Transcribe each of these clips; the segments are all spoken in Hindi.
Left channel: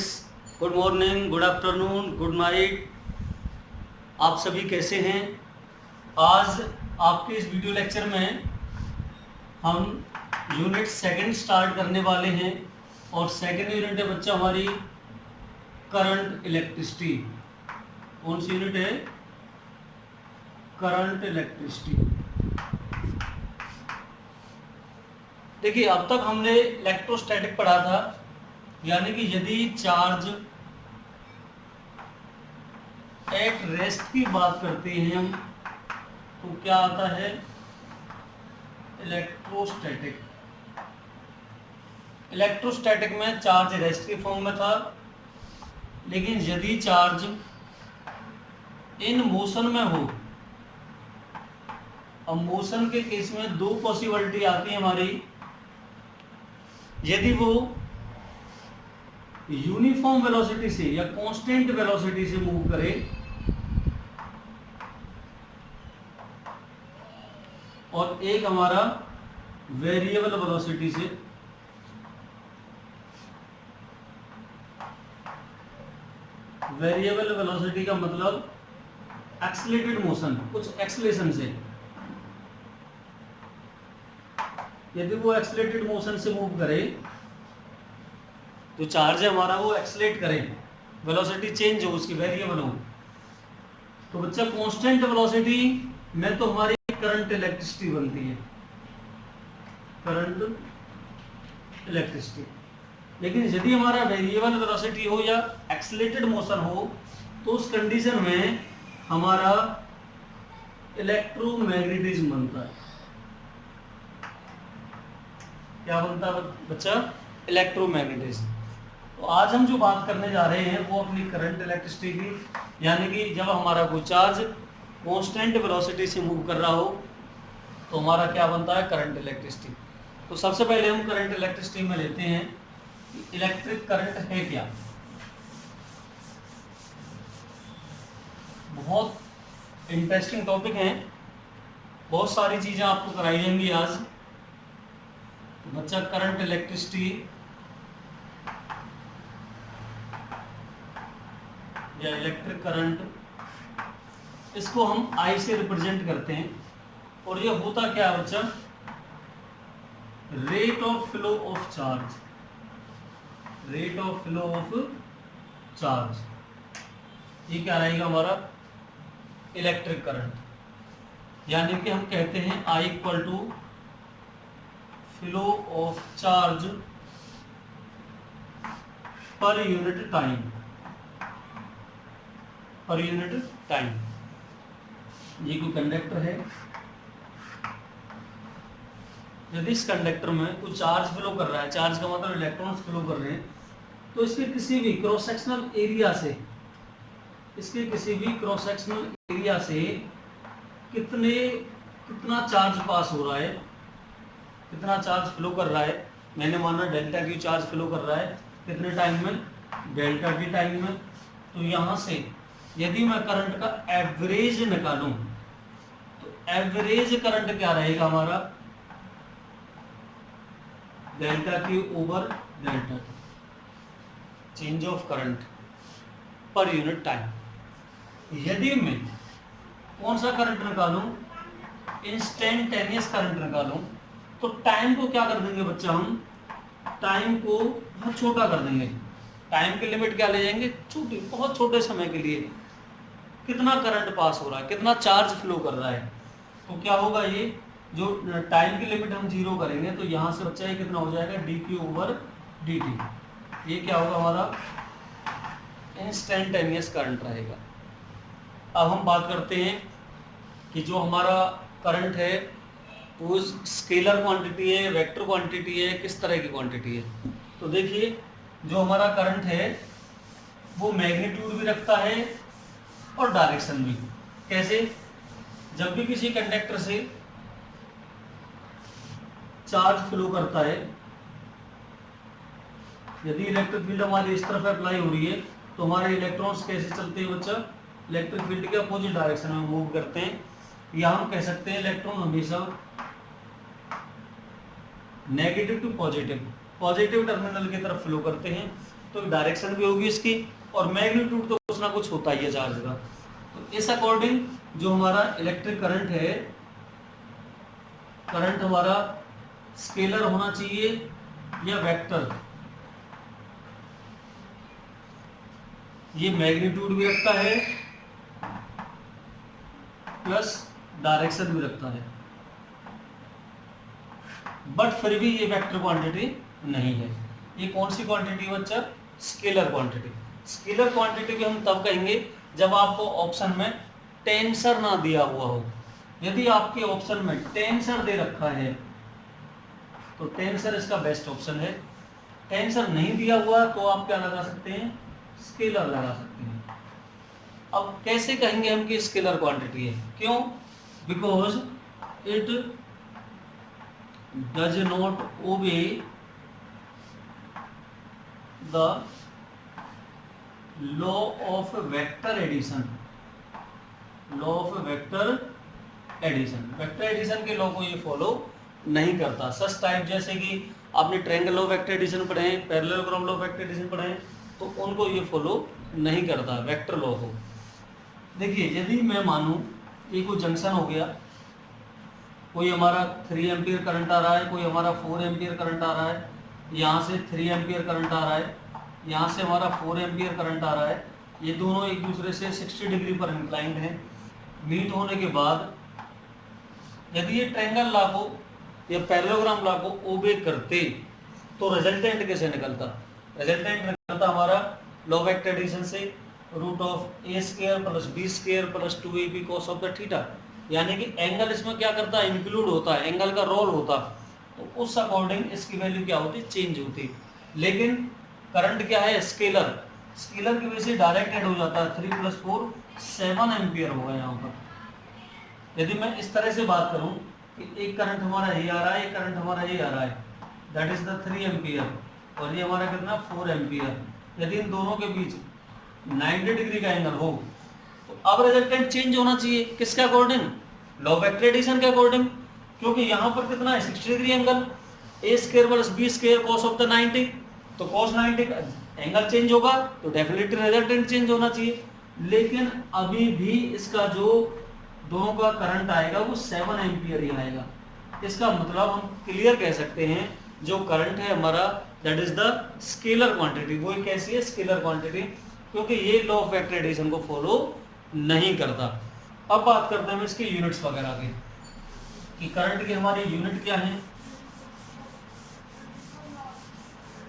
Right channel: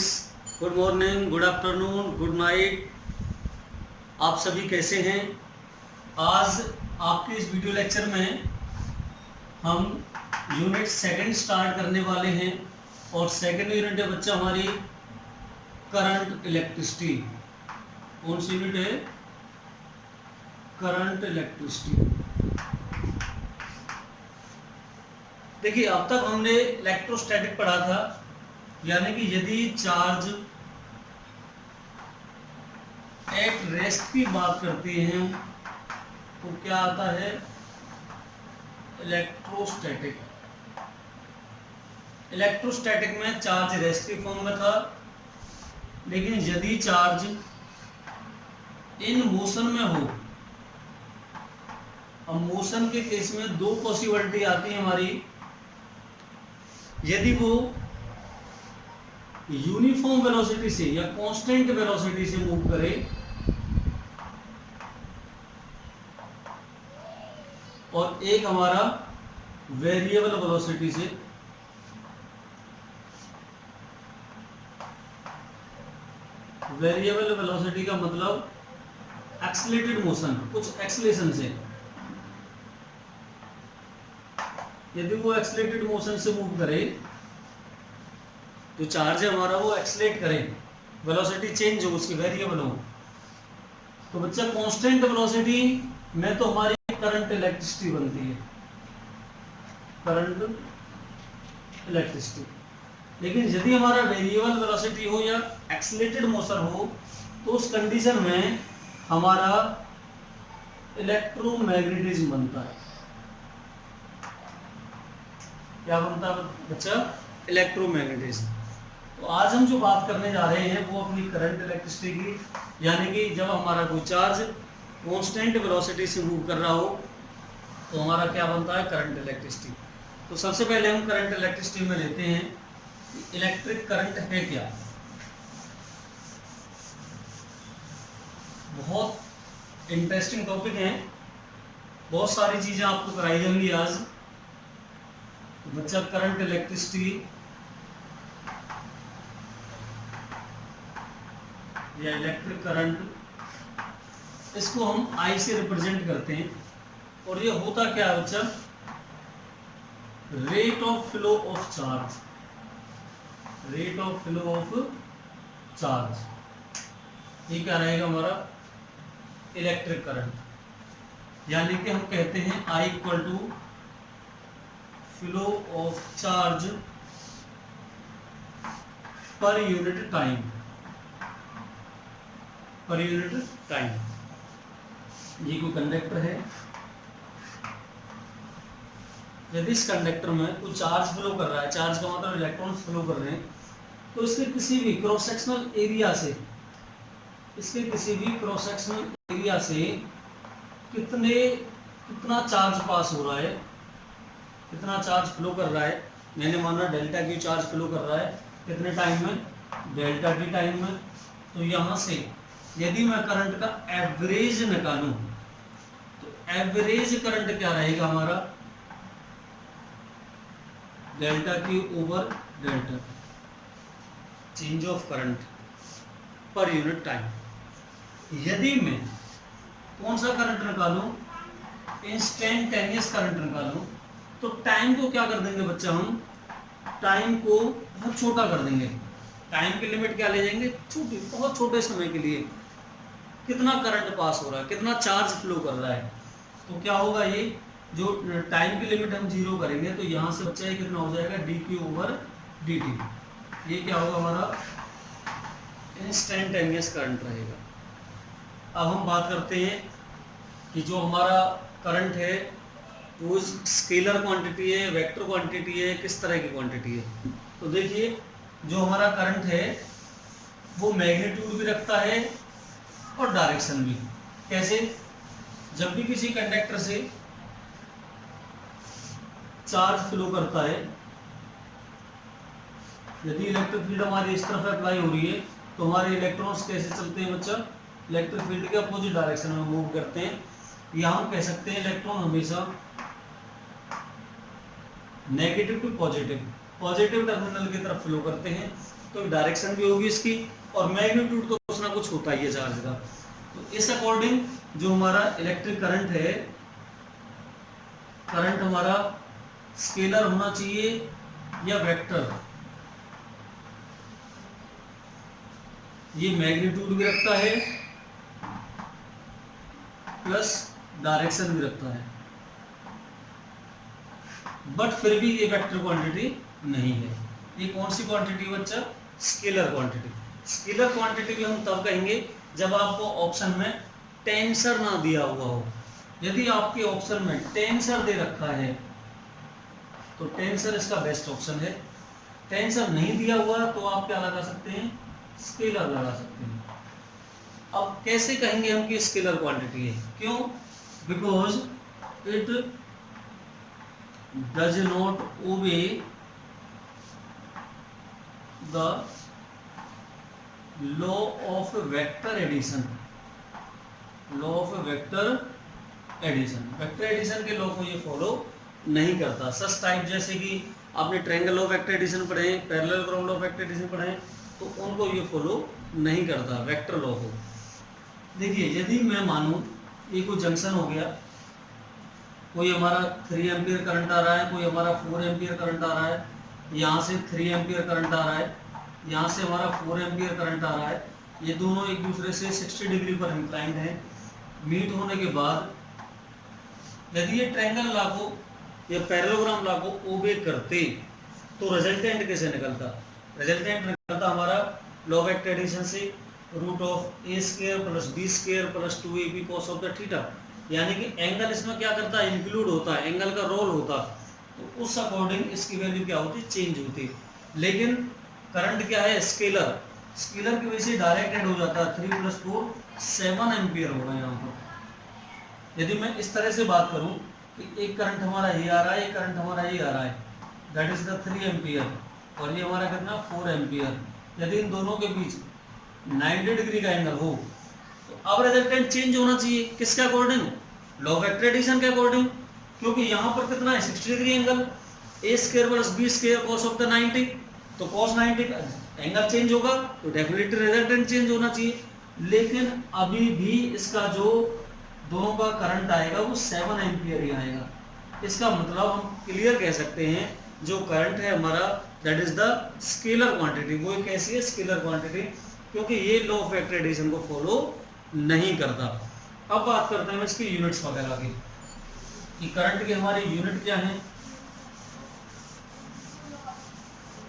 Friends, good morning, good afternoon, good night. आप सभी कैसे हैं? आज आपके इस वीडियो लेक्चर में हम यूनिट सेकंड स्टार्ट करने वाले हैं और सेकंड यूनिट है बच्चा हमारी करंट इलेक्ट्रिसिटी। कौन सी यूनिट है? Current electricity. देखिए, अब तक हमने इलेक्ट्रोस्टैटिक पढ़ा था, यानी कि यदि चार्ज एट रेस्ट की बात करते हैं तो क्या आता है? इलेक्ट्रोस्टैटिक। इलेक्ट्रोस्टैटिक में चार्ज रेस्ट के फॉर्म में था, लेकिन यदि चार्ज इन मोशन में हो, अब मोशन के केस में दो पॉसिबिलिटी आती है हमारी। यदि वो यूनिफॉर्म वेलोसिटी से या कांस्टेंट वेलोसिटी से मूव करे और एक हमारा वेरिएबल वेलोसिटी से। वेरिएबल वेलोसिटी का मतलब एक्सेलरेटेड मोशन, कुछ एक्सेलेरेशन से। यदि वो एक्सेलरेटेड मोशन से मूव करे, जो चार्ज है हमारा वो एक्सेलरेट करे, वेलोसिटी चेंज हो, उसकी वेरिएबल हो, तो बच्चा कांस्टेंट वेलोसिटी में तो हमारी करंट इलेक्ट्रिसिटी बनती है, करंट इलेक्ट्रिसिटी। लेकिन यदि हमारा वेरिएबल वेलोसिटी हो या एक्सेलरेटेड मोशन हो, तो उस कंडीशन में हमारा इलेक्ट्रोमैग्नेटिज्म बनता है। क्या बनता है बच्चा? इलेक्ट्रोमैग्नेटिज्म। तो आज हम जो बात करने जा रहे हैं वो अपनी करंट इलेक्ट्रिसिटी की, यानी कि जब हमारा कोई चार्ज कांस्टेंट वेलोसिटी से मूव कर रहा हो तो हमारा क्या बनता है? Current electricity. तो सबसे पहले हम करंट इलेक्ट्रिसिटी में लेते हैं कि इलेक्ट्रिक करंट है क्या। बहुत इंटरेस्टिंग टॉपिक है, बहुत सारी चीजें आपको कराई जाएंगी आज। तो बच्चा करंट इलेक्ट्रिसिटी या इलेक्ट्रिक करंट, इसको हम I से रिप्रेजेंट करते हैं। और ये होता क्या है बच्चा? Rate of flow of charge. Rate of flow of charge, ये क्या रहेगा हमारा? Electric current. यानी कि हम कहते हैं I equal to flow of charge per unit time, per unit time. ये कोई कंडक्टर है, यदि इस कंडक्टर में कोई चार्ज फ्लो कर रहा है, चार्ज का मतलब इलेक्ट्रॉन्स फ्लो कर रहे हैं, तो इसके किसी भी क्रॉस सेक्शनल एरिया से, इसके किसी भी क्रॉस सेक्शनल एरिया से कितना चार्ज पास हो रहा है, कितना चार्ज फ्लो कर रहा है। मैंने माना डेल्टा की चार्ज फ्लो कर रहा है, कितने टाइम में? डेल्टा टी टाइम में। तो यहाँ से यदि मैं करंट का एवरेज निकालूं तो एवरेज करंट क्या रहेगा हमारा? Delta T over delta T, change of current पर यूनिट टाइम। यदि मैं कौन सा करंट निकालूं? इंस्टेंटेनियस करंट निकालूं, तो टाइम को क्या कर देंगे बच्चा? हम टाइम को बहुत छोटा कर देंगे। टाइम की लिमिट क्या ले जाएंगे? छोटी, बहुत छोटे समय के लिए कितना करंट पास हो रहा है, कितना चार्ज फ्लो कर रहा है। तो क्या होगा? ये जो टाइम की लिमिट हम जीरो करेंगे तो यहाँ से बच्चा ये कितना हो जाएगा? D Q over D T. ये क्या होगा हमारा? इंस्टेंटेनियस करंट रहेगा। अब हम बात करते हैं कि जो हमारा करंट है वो स्केलर क्वांटिटी है, वेक्टर क्वांटिटी है, किस तरह की क्वांटिटी है। तो देखिए, जो हमारा करंट है वो मैग्नीट्यूड भी रखता है और डायरेक्शन भी। कैसे? जब भी किसी कंडक्टर से चार्ज फ्लो करता है, यदि इलेक्ट्रिक फील्ड हमारी इस तरफ अप्लाई हो रही है तो हमारे इलेक्ट्रॉन्स कैसे चलते हैं बच्चा? इलेक्ट्रिक फील्ड के अपोजिट डायरेक्शन में मूव करते हैं। या हम कह सकते हैं इलेक्ट्रॉन हमेशा negative to positive, positive terminal की तरफ फ्लो करते हैं। तो डायरेक्शन भी होगी इसकी, और मैग्नीट्यूड तो कुछ ना कुछ होता ही है चार्ज का। तो इस अकॉर्डिंग जो हमारा इलेक्ट्रिक करंट है, करंट हमारा स्केलर होना चाहिए या वेक्टर। ये मैग्नीट्यूड भी रखता है प्लस डायरेक्शन भी रखता है, बट फिर भी ये वेक्टर क्वांटिटी नहीं है। ये कौन सी क्वांटिटी बच्चा? Scalar quantity. स्केलर क्वांटिटी भी हम तब कहेंगे जब आपको ऑप्शन में टेंसर ना दिया हुआ हो। यदि आपके ऑप्शन में टेंसर दे रखा है तो टेंसर इसका बेस्ट ऑप्शन है। टेंसर नहीं दिया हुआ तो आप क्या लगा सकते हैं? स्केलर लगा सकते हैं। अब कैसे कहेंगे हम कि स्केलर क्वांटिटी है? क्यों? Because it does not obey the law of vector addition. Law of vector addition, vector addition के लॉ को ये फॉलो नहीं करता। सच टाइप जैसे कि आपने triangle law of vector addition पढ़े हैं, parallelogram law of vector addition पढ़े हैं, तो उनको ये फॉलो नहीं करता वेक्टर लॉ को। देखिए यदि मैं मानूं ये कोई जंक्शन हो गया, कोई हमारा 3 एम्पियर करंट आ रहा है, कोई हमारा 4 एम्पियर करंट आ रहा है, यहाँ से 3 एम्पियर करंट आ रहा है, यहाँ से हमारा 4 एम्पियर करंट आ रहा है, ये दोनों एक दूसरे से 60 डिग्री पर इंक्लाइंड है। मीट होने के बाद यदि ये ट्रायंगल लॉ को या पैरेललोग्राम लॉ को ओबे करते तो रिजल्टेंट कैसे निकलता? रिजल्टेंट निकलता हमारा लॉ ऑफ वेक्टर एडिशन से root of A square plus B square plus 2ab cos of the theta. यानी कि एंगल इसमें क्या करता है? इंक्लूड होता है, एंगल का रोल होता, तो उस अकॉर्डिंग इसकी वैल्यू क्या होती? चेंज होती। लेकिन करंट क्या है? स्केलर। स्केलर की वजह से डायरेक्ट ऐड हो जाता है। 3 + 4 7 एम्पियर होगा यहाँ पर। यदि मैं इस तरह से बात करूं कि एक करंट हमारा ये आ रहा है, एक करंट हमारा ये आ रहा है, दैट इज द 3 एम्पियर, और ये हमारा कितना? 4 एम्पियर। यदि इन दोनों के बीच 90 डिग्री का एंगल हो तो अब रिजल्टेंट चेंज होना चाहिए। किसके according? Law of vector addition के अकॉर्डिंग। क्योंकि यहाँ पर कितना है? 60 degree angle, A square plus B square cos of the 90, तो cos 90 का एंगल चेंज होगा तो डेफिनेटली रिजल्टेंट चेंज होना चाहिए। लेकिन अभी भी इसका जो दोनों का करंट आएगा वो 7 एम्पियर ही आएगा। इसका मतलब हम क्लियर कह सकते हैं जो करंट है हमारा that is the scalar quantity. वो एक ऐसी है स्केलर क्वांटिटी, क्योंकि ये लॉ ऑफ वेक्टर एडिशन को फॉलो नहीं करता। अब बात करते हैं हम इसकी यूनिट्स वगैरह की कि करंट की हमारी यूनिट क्या है।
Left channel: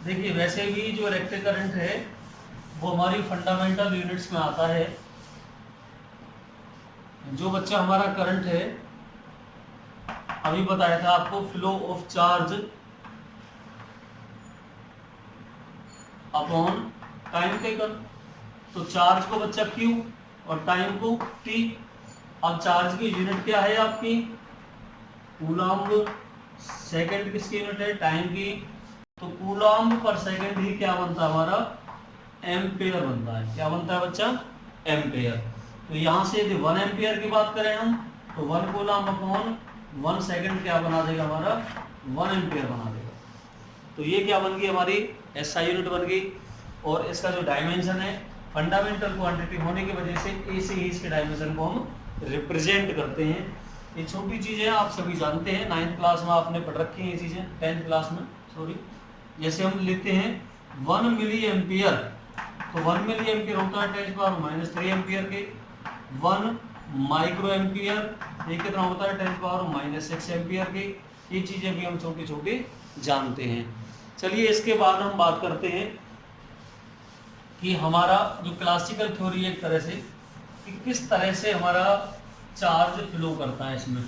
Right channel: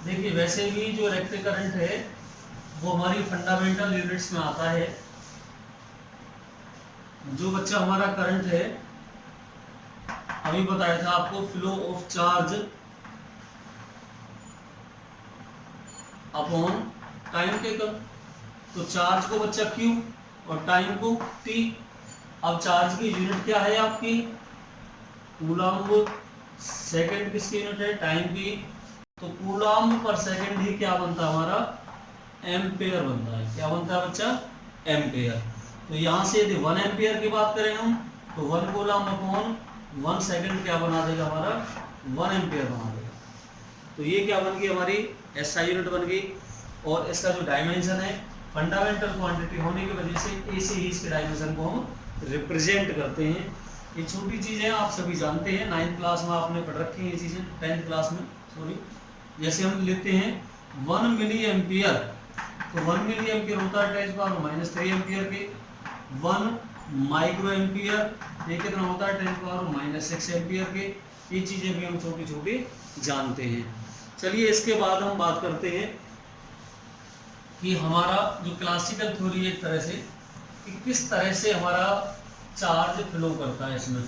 देखिए वैसे भी जो इलेक्ट्रिक करंट है वो हमारी फंडामेंटल यूनिट्स में आता है। जो बच्चा हमारा करंट है, अभी बताया था आपको, flow of charge upon time taken. तो चार्ज को बच्चा Q और टाइम को T। अब चार्ज की यूनिट क्या है आपकी? कूलम्ब। सेकंड किसकी यूनिट है? टाइम की। तो कूलम्ब पर सेकंड ही क्या बनता है हमारा? एम्पेयर बनता है। क्या बनता है बच्चा? एम्पेयर। तो यहाँ से यदि 1 एम्पियर की बात करें हम तो 1 कूलम्ब अपॉन 1 सेकंड क्या बना देगा हमारा? 1 एम्पियर बना देगा। तो ये क्या बन गई हमारी? SI यूनिट बन गई। और इसका जो डायमेंशन है फंडामेंटल क्वांटिटी होने की वजह से ए से ही इसके डायमेंशन को हम रिप्रेजेंट करते हैं। ये छोटी चीज़ें आप सभी जानते हैं, 9th क्लास में आपने पढ़ रखी हैं ये चीज़ें, 10th क्लास में सॉरी। जैसे हम लेते हैं 1 मिली एम्पियर, तो 1 मिली एम्पियर होता है 10⁻³ एम्पियर के। 1 माइक्रो एम्पियर ये कितना होता है? 10⁻⁻6 एम्पियर के। ये चीज़ें भी हम छोटी छोटी जानते हैं। चलिए इसके बाद हम बात करते हैं कि हमारा जो क्लासिकल थ्योरी एक तरह से कि किस तरह से हमारा चार्ज फ्लो करता है इसमें,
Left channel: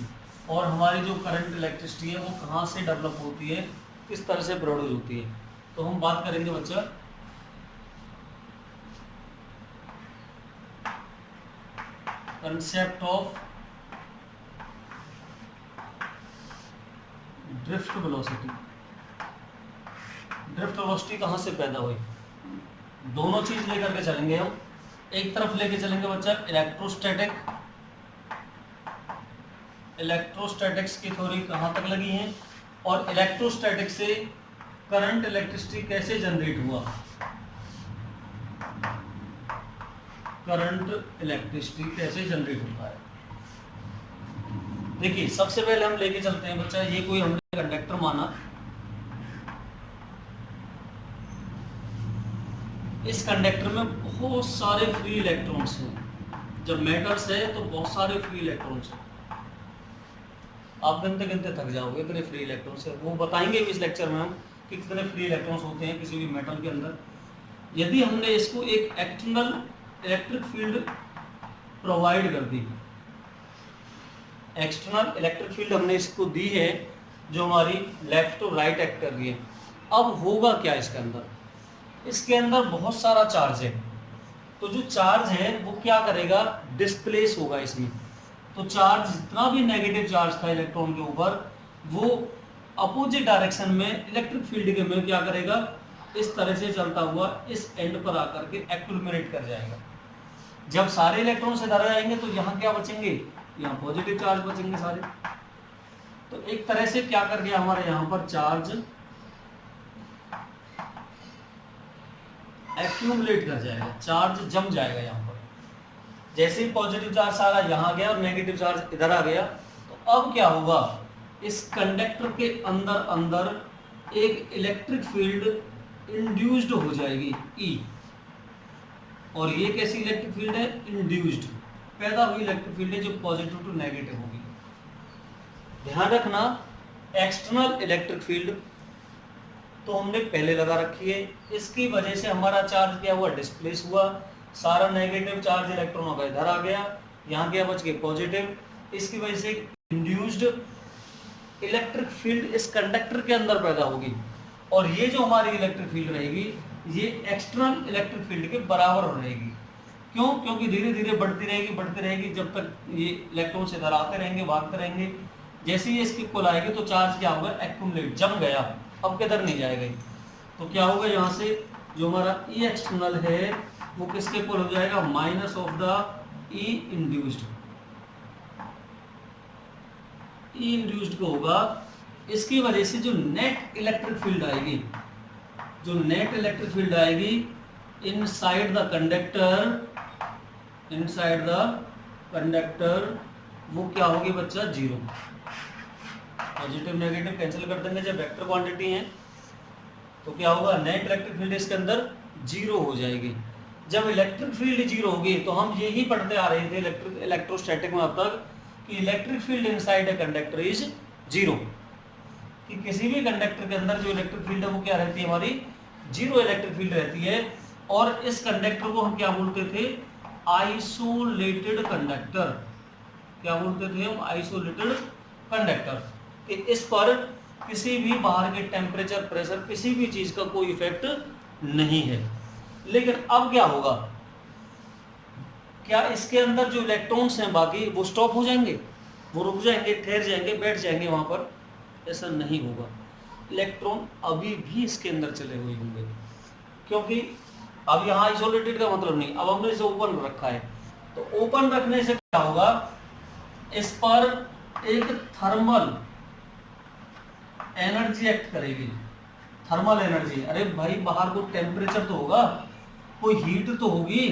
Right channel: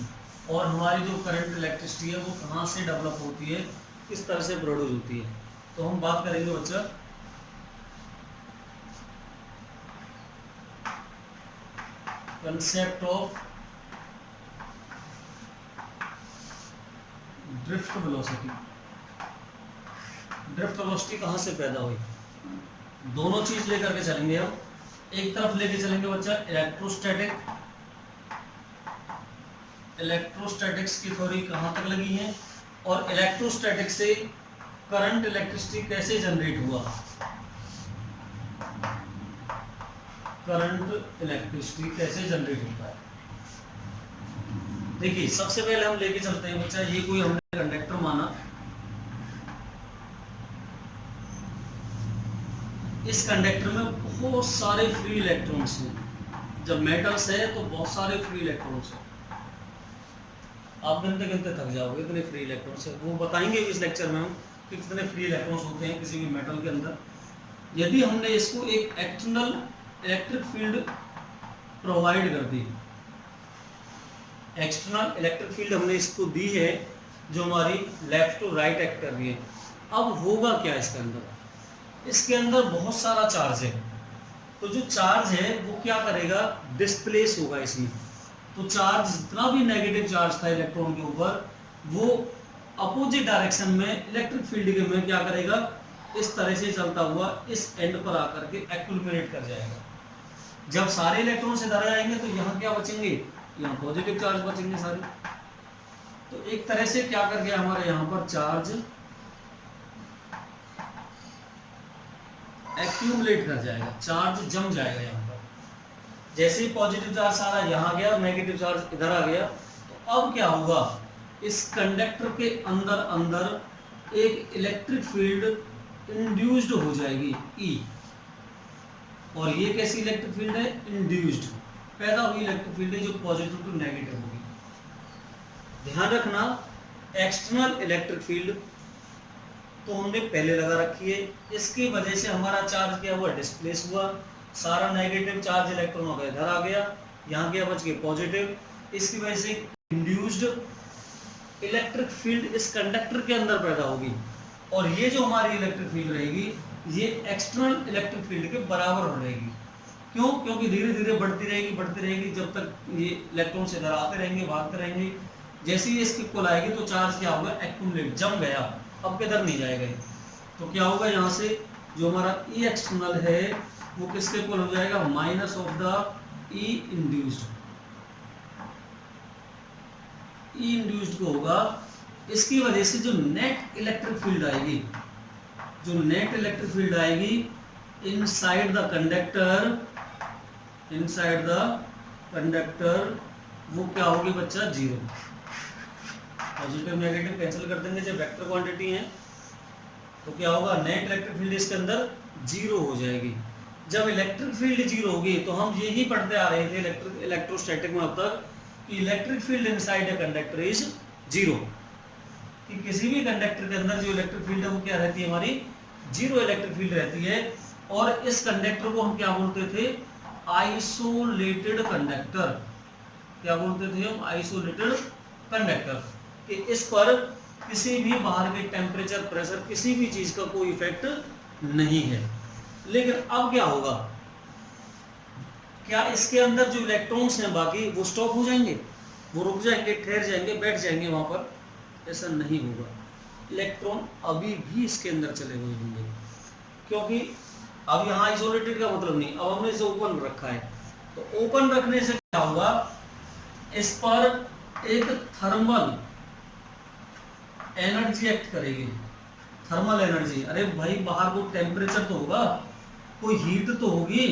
और हमारी जो करंट इलेक्ट्रिसिटी है वो कहाँ से डेवलप होती है, किस तरह से प्रोड्यूस होती है। तो हम बात करेंगे बच्चा concept of drift velocity. Drift velocity कहाँ से पैदा हुई? दोनों चीज लेकर के चलेंगे हम। एक तरफ लेके चलेंगे बच्चा इलेक्ट्रोस्टैटिक्स की थ्योरी कहाँ तक लगी है, और इलेक्ट्रोस्टैटिक्स से करंट इलेक्ट्रिसिटी कैसे जनरेट हुआ, करंट इलेक्ट्रिसिटी कैसे जनरेट होता है। देखिए सबसे पहले हम लेके चलते हैं बच्चा, ये कोई हमने कंडक्टर माना, इस कंडक्टर में बहुत सारे फ्री इलेक्ट्रॉन्स हैं। जब मेटल्स है तो बहुत सारे फ्री इलेक्ट्रॉन्स हैं, आप गिनते गिनते थक जाओगे इतने फ्री इलेक्ट्रॉन्स है। वो बताएंगे इस लेक्चर में हम कि कितने फ्री इलेक्ट्रॉन्स होते हैं किसी भी मेटल के अंदर। यदि हमने इसको एक एक्सटर्नल इलेक्ट्रिक फील्ड प्रोवाइड कर दी, एक्सटर्नल इलेक्ट्रिक फील्ड हमने इसको दी है जो हमारी लेफ्ट टू राइट एक्ट कर रही है, अब होगा क्या इसके अंदर, इसके अंदर बहुत सारा चार्ज है। तो जो चार्ज है वो क्या करेगा, डिस्प्लेस होगा इसमें। तो चार्ज जितना भी नेगेटिव चार्ज था इलेक्ट्रॉन के ऊपर, वो अपोजिट डायरेक्शन में इलेक्ट्रिक फील्ड के में क्या करेगा, इस तरह से चलता हुआ इस एंड पर आकर के एक्यूमुलेट कर जाएगा। जब सारे इलेक्ट्रॉन से इधर आएंगे तो यहाँ क्या बचेंगे, यहाँ पॉजिटिव चार्ज बचेंगे सारे। तो एक तरह से क्या कर गया हमारे यहाँ पर चार्ज एक्यूमुलेट कर जाएगा, चार्ज जम जाएगा यहाँ पर। जैसे ही पॉजिटिव चार्ज सारा यहाँ गया और नेगेटिव चार्ज इधर आ गया, तो अब क्या होगा, इस कंडक्टर के अंदर अंदर एक इलेक्ट्रिक फील्ड इंड्यूस्ड हो जाएगी ई। और ये कैसी इलेक्ट्रिक फील्ड है, इंड्यूस्ड, पैदा हुई इलेक्ट्रिक फील्ड है जो पॉजिटिव टू नेगेटिव होगी। ध्यान रखना, एक्सटर्नल इलेक्ट्रिक फील्ड तो हमने पहले लगा रखी है, इसकी वजह से हमारा चार्ज क्या हुआ, डिस्प्लेस हुआ, सारा नेगेटिव चार्ज इलेक्ट्रॉनों का इधर आ गया, यहाँ क्या बच गए पॉजिटिव। इसकी वजह से इंड्यूस्ड इलेक्ट्रिक फील्ड इस कंडक्टर के अंदर पैदा होगी। और ये जो हमारी इलेक्ट्रिक फील्ड रहेगी ये एक्सटर्नल इलेक्ट्रिक फील्ड के बराबर रहेगी। क्यों, क्योंकि धीरे धीरे बढ़ती रहेगी जब तक ये इलेक्ट्रॉन से इधर आते रहेंगे, भागते रहेंगे। जैसे ही इसकी पुल आएगी तो चार्ज क्या होगा, एक्यूमुलेट, जम गया, अब किधर नहीं जाएगा। तो क्या होगा, यहाँ से जो हमारा ई एक्सटर्नल है वो किसके पुल हो जाएगा, minus of the E induced. E induced को होगा, इसकी वजह से जो नेट इलेक्ट्रिक फील्ड आएगी, जो नेट इलेक्ट्रिक फील्ड आएगी इनसाइड द कंडक्टर, वो क्या होगी बच्चा, जीरो। पॉजिटिव नेगेटिव कैंसिल कर देंगे, जब वेक्टर क्वांटिटी है तो क्या होगा, नेट इलेक्ट्रिक फील्ड इसके अंदर जीरो हो जाएगी। जब इलेक्ट्रिक फील्ड जीरो होगी तो हम यही पढ़ते आ रहे थे इलेक्ट्रोस्टैटिक में अब तक कि electric field inside a conductor is zero, कि किसी भी कंडक्टर के अंदर जो इलेक्ट्रिक फील्ड है वो क्या रहती है, हमारी जीरो इलेक्ट्रिक फील्ड रहती है। और इस कंडक्टर को हम क्या बोलते थे, आइसोलेटेड कंडक्टर। क्या बोलते थे हम, आइसोलेटेड कंडक्टर, कि इस पर किसी भी बाहर के टेम्परेचर, प्रेशर, किसी भी चीज का कोई इफेक्ट नहीं है। लेकिन अब क्या होगा, क्या इसके अंदर जो इलेक्ट्रॉन्स हैं बाकी वो स्टॉप हो जाएंगे, वो रुक जाएंगे, ठहर जाएंगे, बैठ जाएंगे वहां पर, ऐसा नहीं होगा। इलेक्ट्रॉन अभी भी इसके अंदर चले हुए होंगे, क्योंकि अब यहाँ आइसोलेटेड का मतलब नहीं, अब हमने इसे ओपन रखा है। तो ओपन रखने से क्या होगा, इस पर एक थर्मल एनर्जी एक्ट करेगी, थर्मल एनर्जी। अरे भाई बाहर कोई टेम्परेचर तो होगा, कोई हीट तो होगी।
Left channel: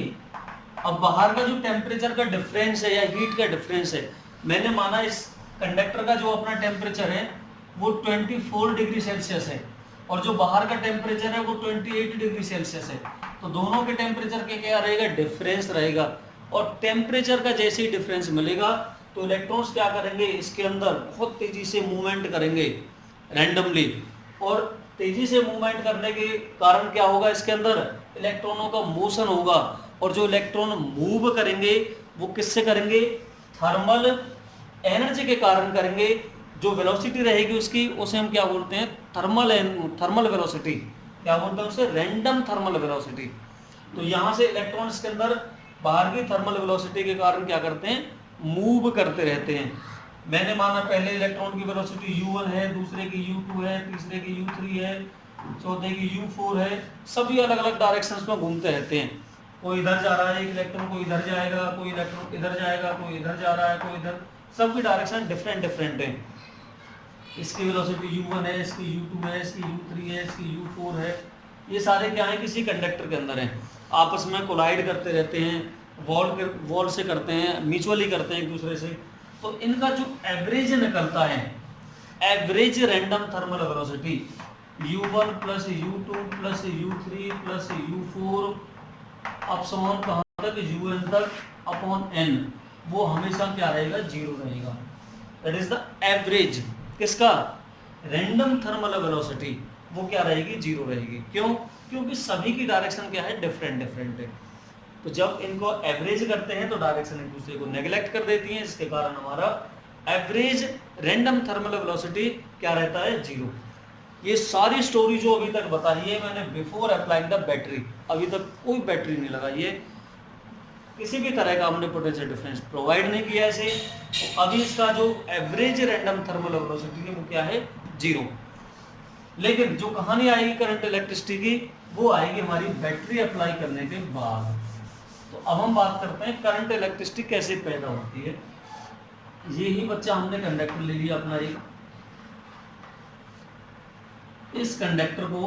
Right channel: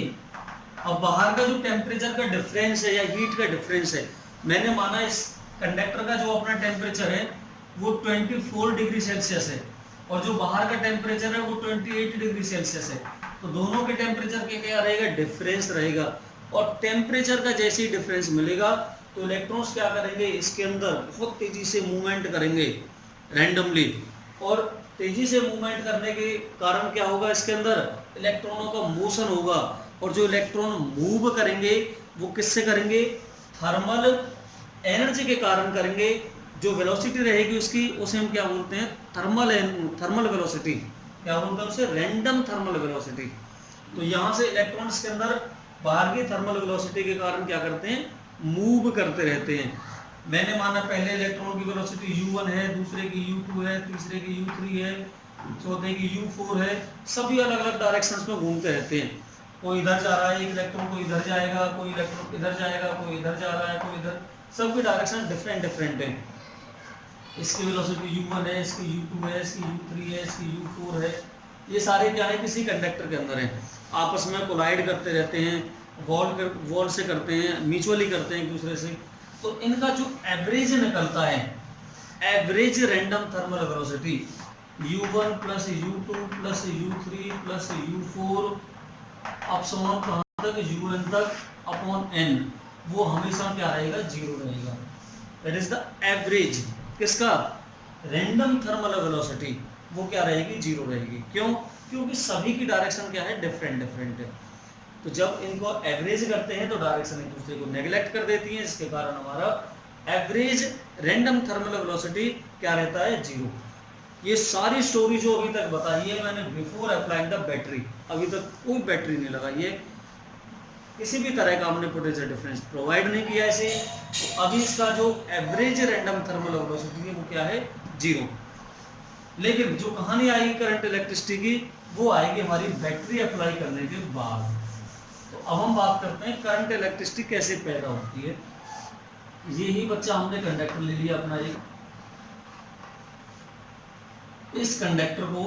अब बाहर का जो टेम्परेचर का डिफरेंस है या हीट का डिफरेंस है, मैंने माना इस कंडक्टर का जो अपना टेम्परेचर है वो 24 डिग्री सेल्सियस है और जो बाहर का टेम्परेचर है वो 28 डिग्री सेल्सियस है। तो दोनों के टेम्परेचर के क्या रहेगा, डिफरेंस रहेगा। और टेम्परेचर का जैसे ही डिफरेंस मिलेगा तो इलेक्ट्रॉन्स क्या करेंगे, इसके अंदर बहुत तेजी से मूवमेंट करेंगे रैंडमली। और तेजी से मूवमेंट करने के कारण क्या होगा, इसके अंदर इलेक्ट्रॉनों का मोशन होगा। और जो इलेक्ट्रॉन मूव करेंगे वो किससे करेंगे, थर्मल एनर्जी के कारण करेंगे। जो वेलोसिटी रहेगी उसकी, उसे हम क्या बोलते हैं, थर्मल वेलोसिटी। क्या बोलते हैं उसे, रैंडम थर्मल वेलोसिटी। तो यहाँ से इलेक्ट्रॉन्स के अंदर बाहर की थर्मल वेलोसिटी के कारण क्या करते हैं, मूव करते रहते हैं। मैंने माना पहले इलेक्ट्रॉन की वेलोसिटी u1 है, दूसरे की u2 है, तीसरे की u3 है, चौथे की u4 है। सभी अलग अलग डायरेक्शंस में घूमते रहते हैं। कोई इधर जा रहा है, एक इलेक्ट्रॉन को इधर जाएगा, कोई इलेक्ट्रॉन इधर जाएगा, कोई इधर जा रहा है, कोई इधर, सबकी डायरेक्शन डिफरेंट है। इसकी वेलोसिटी u1 है, इसकी u2 है, इसकी u3 है, इसकी u4 है। ये सारे क्या है, किसी कंडक्टर के अंदर हैं, आपस में कोलाइड करते रहते हैं। वॉल से करते हैं, म्यूचुअली करते हैं एक दूसरे से, तो इनका जो एवरेज निकलता है, average random thermal velocity u1 plus u2 plus u3 plus u4 अपसमन कहाँ तक, un तक अपॉन n, वो हमेशा क्या रहेगा, 0 रहेगा। दैट इज द एवरेज किसका, रैंडम थर्मल वेलोसिटी, वो क्या रहेगी, 0 रहेगी। क्यों, क्योंकि सभी की डायरेक्शन क्या है, डिफरेंट डिफरेंट है। तो जब इनको एवरेज करते हैं तो डायरेक्शन एक दूसरे को नेग्लेक्ट कर देती हैं, इसके कारण हमारा एवरेज रैंडम थर्मल वेलोसिटी क्या रहता है, 0। ये सारी स्टोरी जो अभी तक बताई है मैंने बिफोर अप्लाइंग द बैटरी, अभी तक कोई बैटरी नहीं लगाई है, किसी भी तरह का हमने पोटेंशियल डिफरेंस प्रोवाइड नहीं किया ऐसे। तो अभी इसका जो एवरेज रैंडम थर्मल वेलोसिटी है वो क्या है, 0। लेकिन जो कहानी आएगी करंट इलेक्ट्रिसिटी की, वो आएगी हमारी बैटरी अप्लाई करने के बाद। तो अब हम बात करते हैं करंट इलेक्ट्रिसिटी कैसे पैदा होती है। ये ही बच्चा हमने कंडक्टर ले लिया अपना एक, इस कंडक्टर को,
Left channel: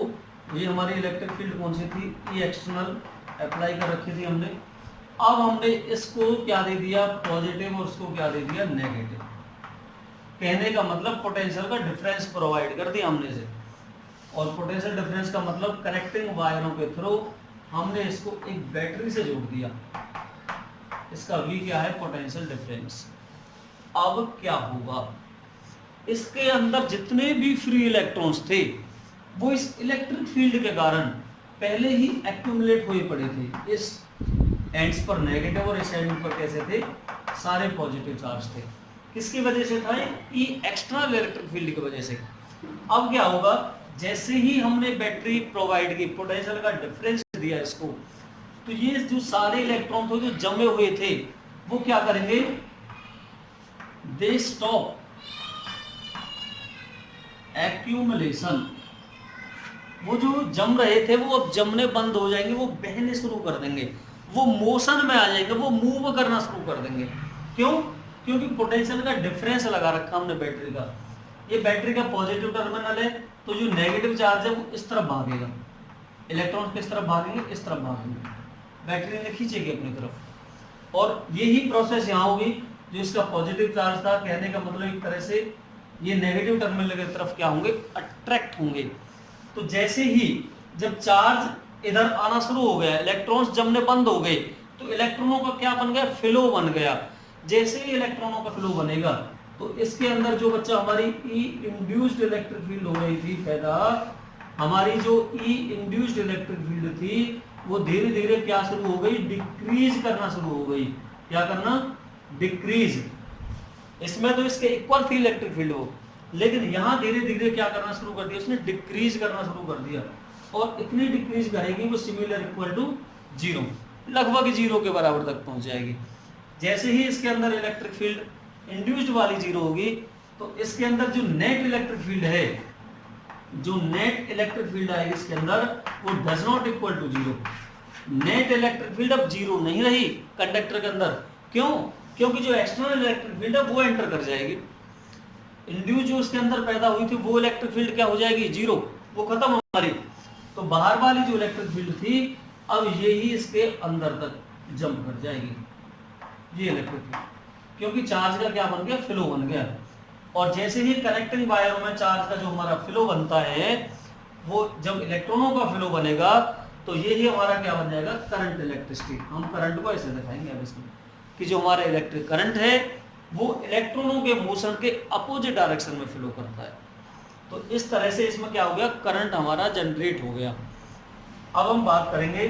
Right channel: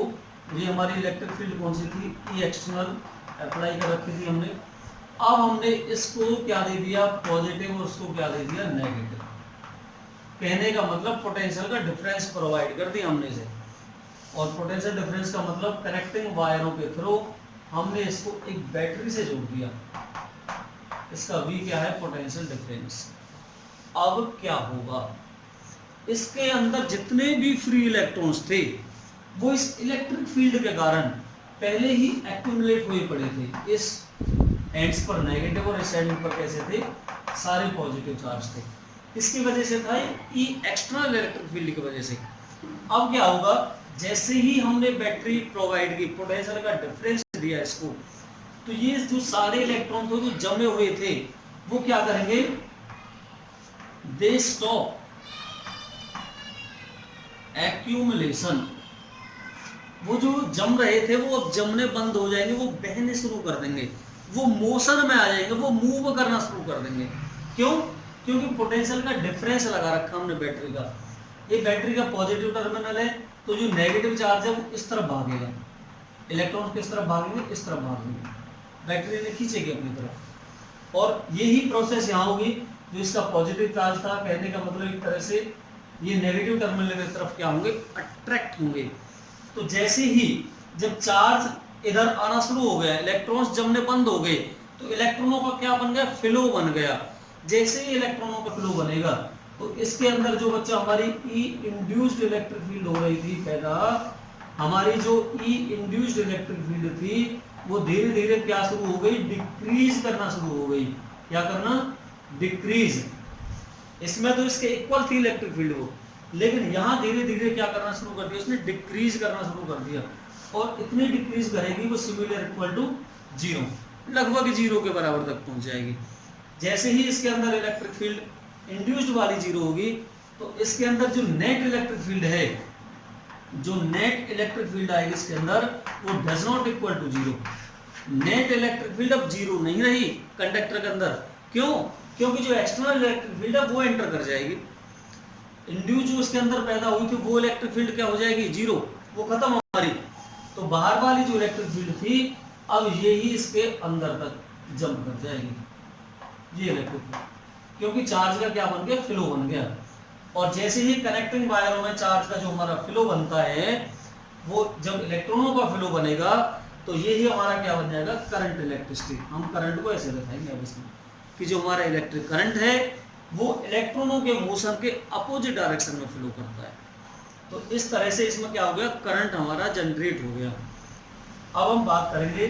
ये हमारी इलेक्ट्रिक फील्ड कौन सी थी, ई एक्सटर्नल अप्लाई कर रखी थी हमने। अब हमने इसको क्या दे दिया, पॉजिटिव, और उसको क्या दे दिया, नेगेटिव। कहने का मतलब पोटेंशियल का डिफरेंस प्रोवाइड कर दिया हमने इसे, और पोटेंशियल डिफरेंस का मतलब कनेक्टिंग वायरों के थ्रू हमने इसको एक बैटरी से जोड़ दिया। इसका V क्या है, पोटेंशियल डिफरेंस। अब क्या होगा, इसके अंदर जितने भी फ्री इलेक्ट्रॉन्स थे वो इस इलेक्ट्रिक फील्ड के कारण पहले ही एक्यूमुलेट हुए पड़े थे। इस एंड्स पर नेगेटिव और इस एंड पर कैसे थे, सारे पॉजिटिव चार्ज थे। किसकी वजह से था, ये एक्सटर्नल इलेक्ट्रिक फील्ड की वजह से। अब क्या होगा, जैसे ही हमने बैटरी प्रोवाइड की, पोटेंशियल का डिफरेंस दिया इसको, तो ये जो सारे इलेक्ट्रॉन थे जो जमे हुए थे वो क्या करेंगे, दे स्टॉप एक्यूमुलेशन। वो जो जम रहे थे वो अब जमने बंद हो जाएंगे, वो बहने शुरू कर देंगे, वो मोशन में आ जाएंगे, वो मूव करना शुरू कर देंगे। क्यों, क्योंकि पोटेंशियल का डिफरेंस लगा रखा हमने बैटरी का। ये बैटरी का पॉजिटिव टर्मिनल है, तो जो नेगेटिव चार्ज है वो इस तरफ भागेगा, इलेक्ट्रॉन किस तरफ भागेंगे, इस तरफ भागेंगे, बैटरी ने खींचेगी अपनी तरफ। और यही प्रोसेस यहाँ होगी, जो इसका पॉजिटिव चार्ज था, कहने का मतलब एक तरह से ये नेगेटिव टर्मिनल की तरफ क्या होंगे, अट्रैक्ट होंगे। तो जैसे ही जब चार्ज इधर आना शुरू हो गया, इलेक्ट्रॉन्स जमने बंद हो गए, तो इलेक्ट्रॉनों का क्या बन गया, फ्लो बन गया। जैसे ही इलेक्ट्रॉनों का फ्लो बनेगा तो इसके अंदर जो बच्चा हमारी ई इंड्यूस्ड इलेक्ट्रिक फील्ड हो रही थी पैदा, हमारी जो ई इंड्यूस्ड इलेक्ट्रिक फील्ड थी वो धीरे धीरे क्या शुरू हो गई, डिक्रीज करना शुरू हो गई। क्या करना, डिक्रीज। इसमें तो इसके इक्वल थी इलेक्ट्रिक फील्ड वो, लेकिन यहाँ धीरे धीरे क्या करना शुरू कर दिया, उसने डिक्रीज करना शुरू कर दिया। और इतनी डिक्रीज करेगी वो सिमिलर इक्वल टू 0, लगभग 0 के बराबर तक पहुंच जाएगी। जैसे ही इसके अंदर इलेक्ट्रिक फील्ड इंड्यूस्ड वाली 0 होगी, तो इसके अंदर जो नेट इलेक्ट्रिक फील्ड है, जो नेट इलेक्ट्रिक फील्ड आएगी इसके अंदर, वो does not equal to 0। Net electric field अब 0 नहीं रही कंडक्टर के अंदर। क्यों, क्योंकि जो एक्सटर्नल इलेक्ट्रिक फील्ड है वो एंटर कर जाएगी। इंड्यूस जो उसके अंदर पैदा हुई थी वो इलेक्ट्रिक फील्ड क्या हो जाएगी, 0, वो खत्म हमारी। तो बाहर वाली जो इलेक्ट्रिक फील्ड थी अब ये ही इसके अंदर तक जंप कर जाएगी, ये इलेक्ट्रिक फील्ड, क्योंकि चार्ज का क्या बन गया, फ्लो बन गया। और जैसे ही कनेक्टिंग वायरों में चार्ज का जो हमारा फ्लो बनता है, वो जब इलेक्ट्रॉनों का फ्लो बनेगा तो ये ही हमारा क्या बन जाएगा, करंट इलेक्ट्रिसिटी। हम करंट को ऐसे दिखाएंगे अब इसमें कि जो हमारा इलेक्ट्रिक करंट है वो इलेक्ट्रॉनों के मोशन के अपोजिट डायरेक्शन में फ्लो करता है। तो इस तरह से इसमें क्या हो गया, करंट हमारा जनरेट हो गया। अब हम बात करेंगे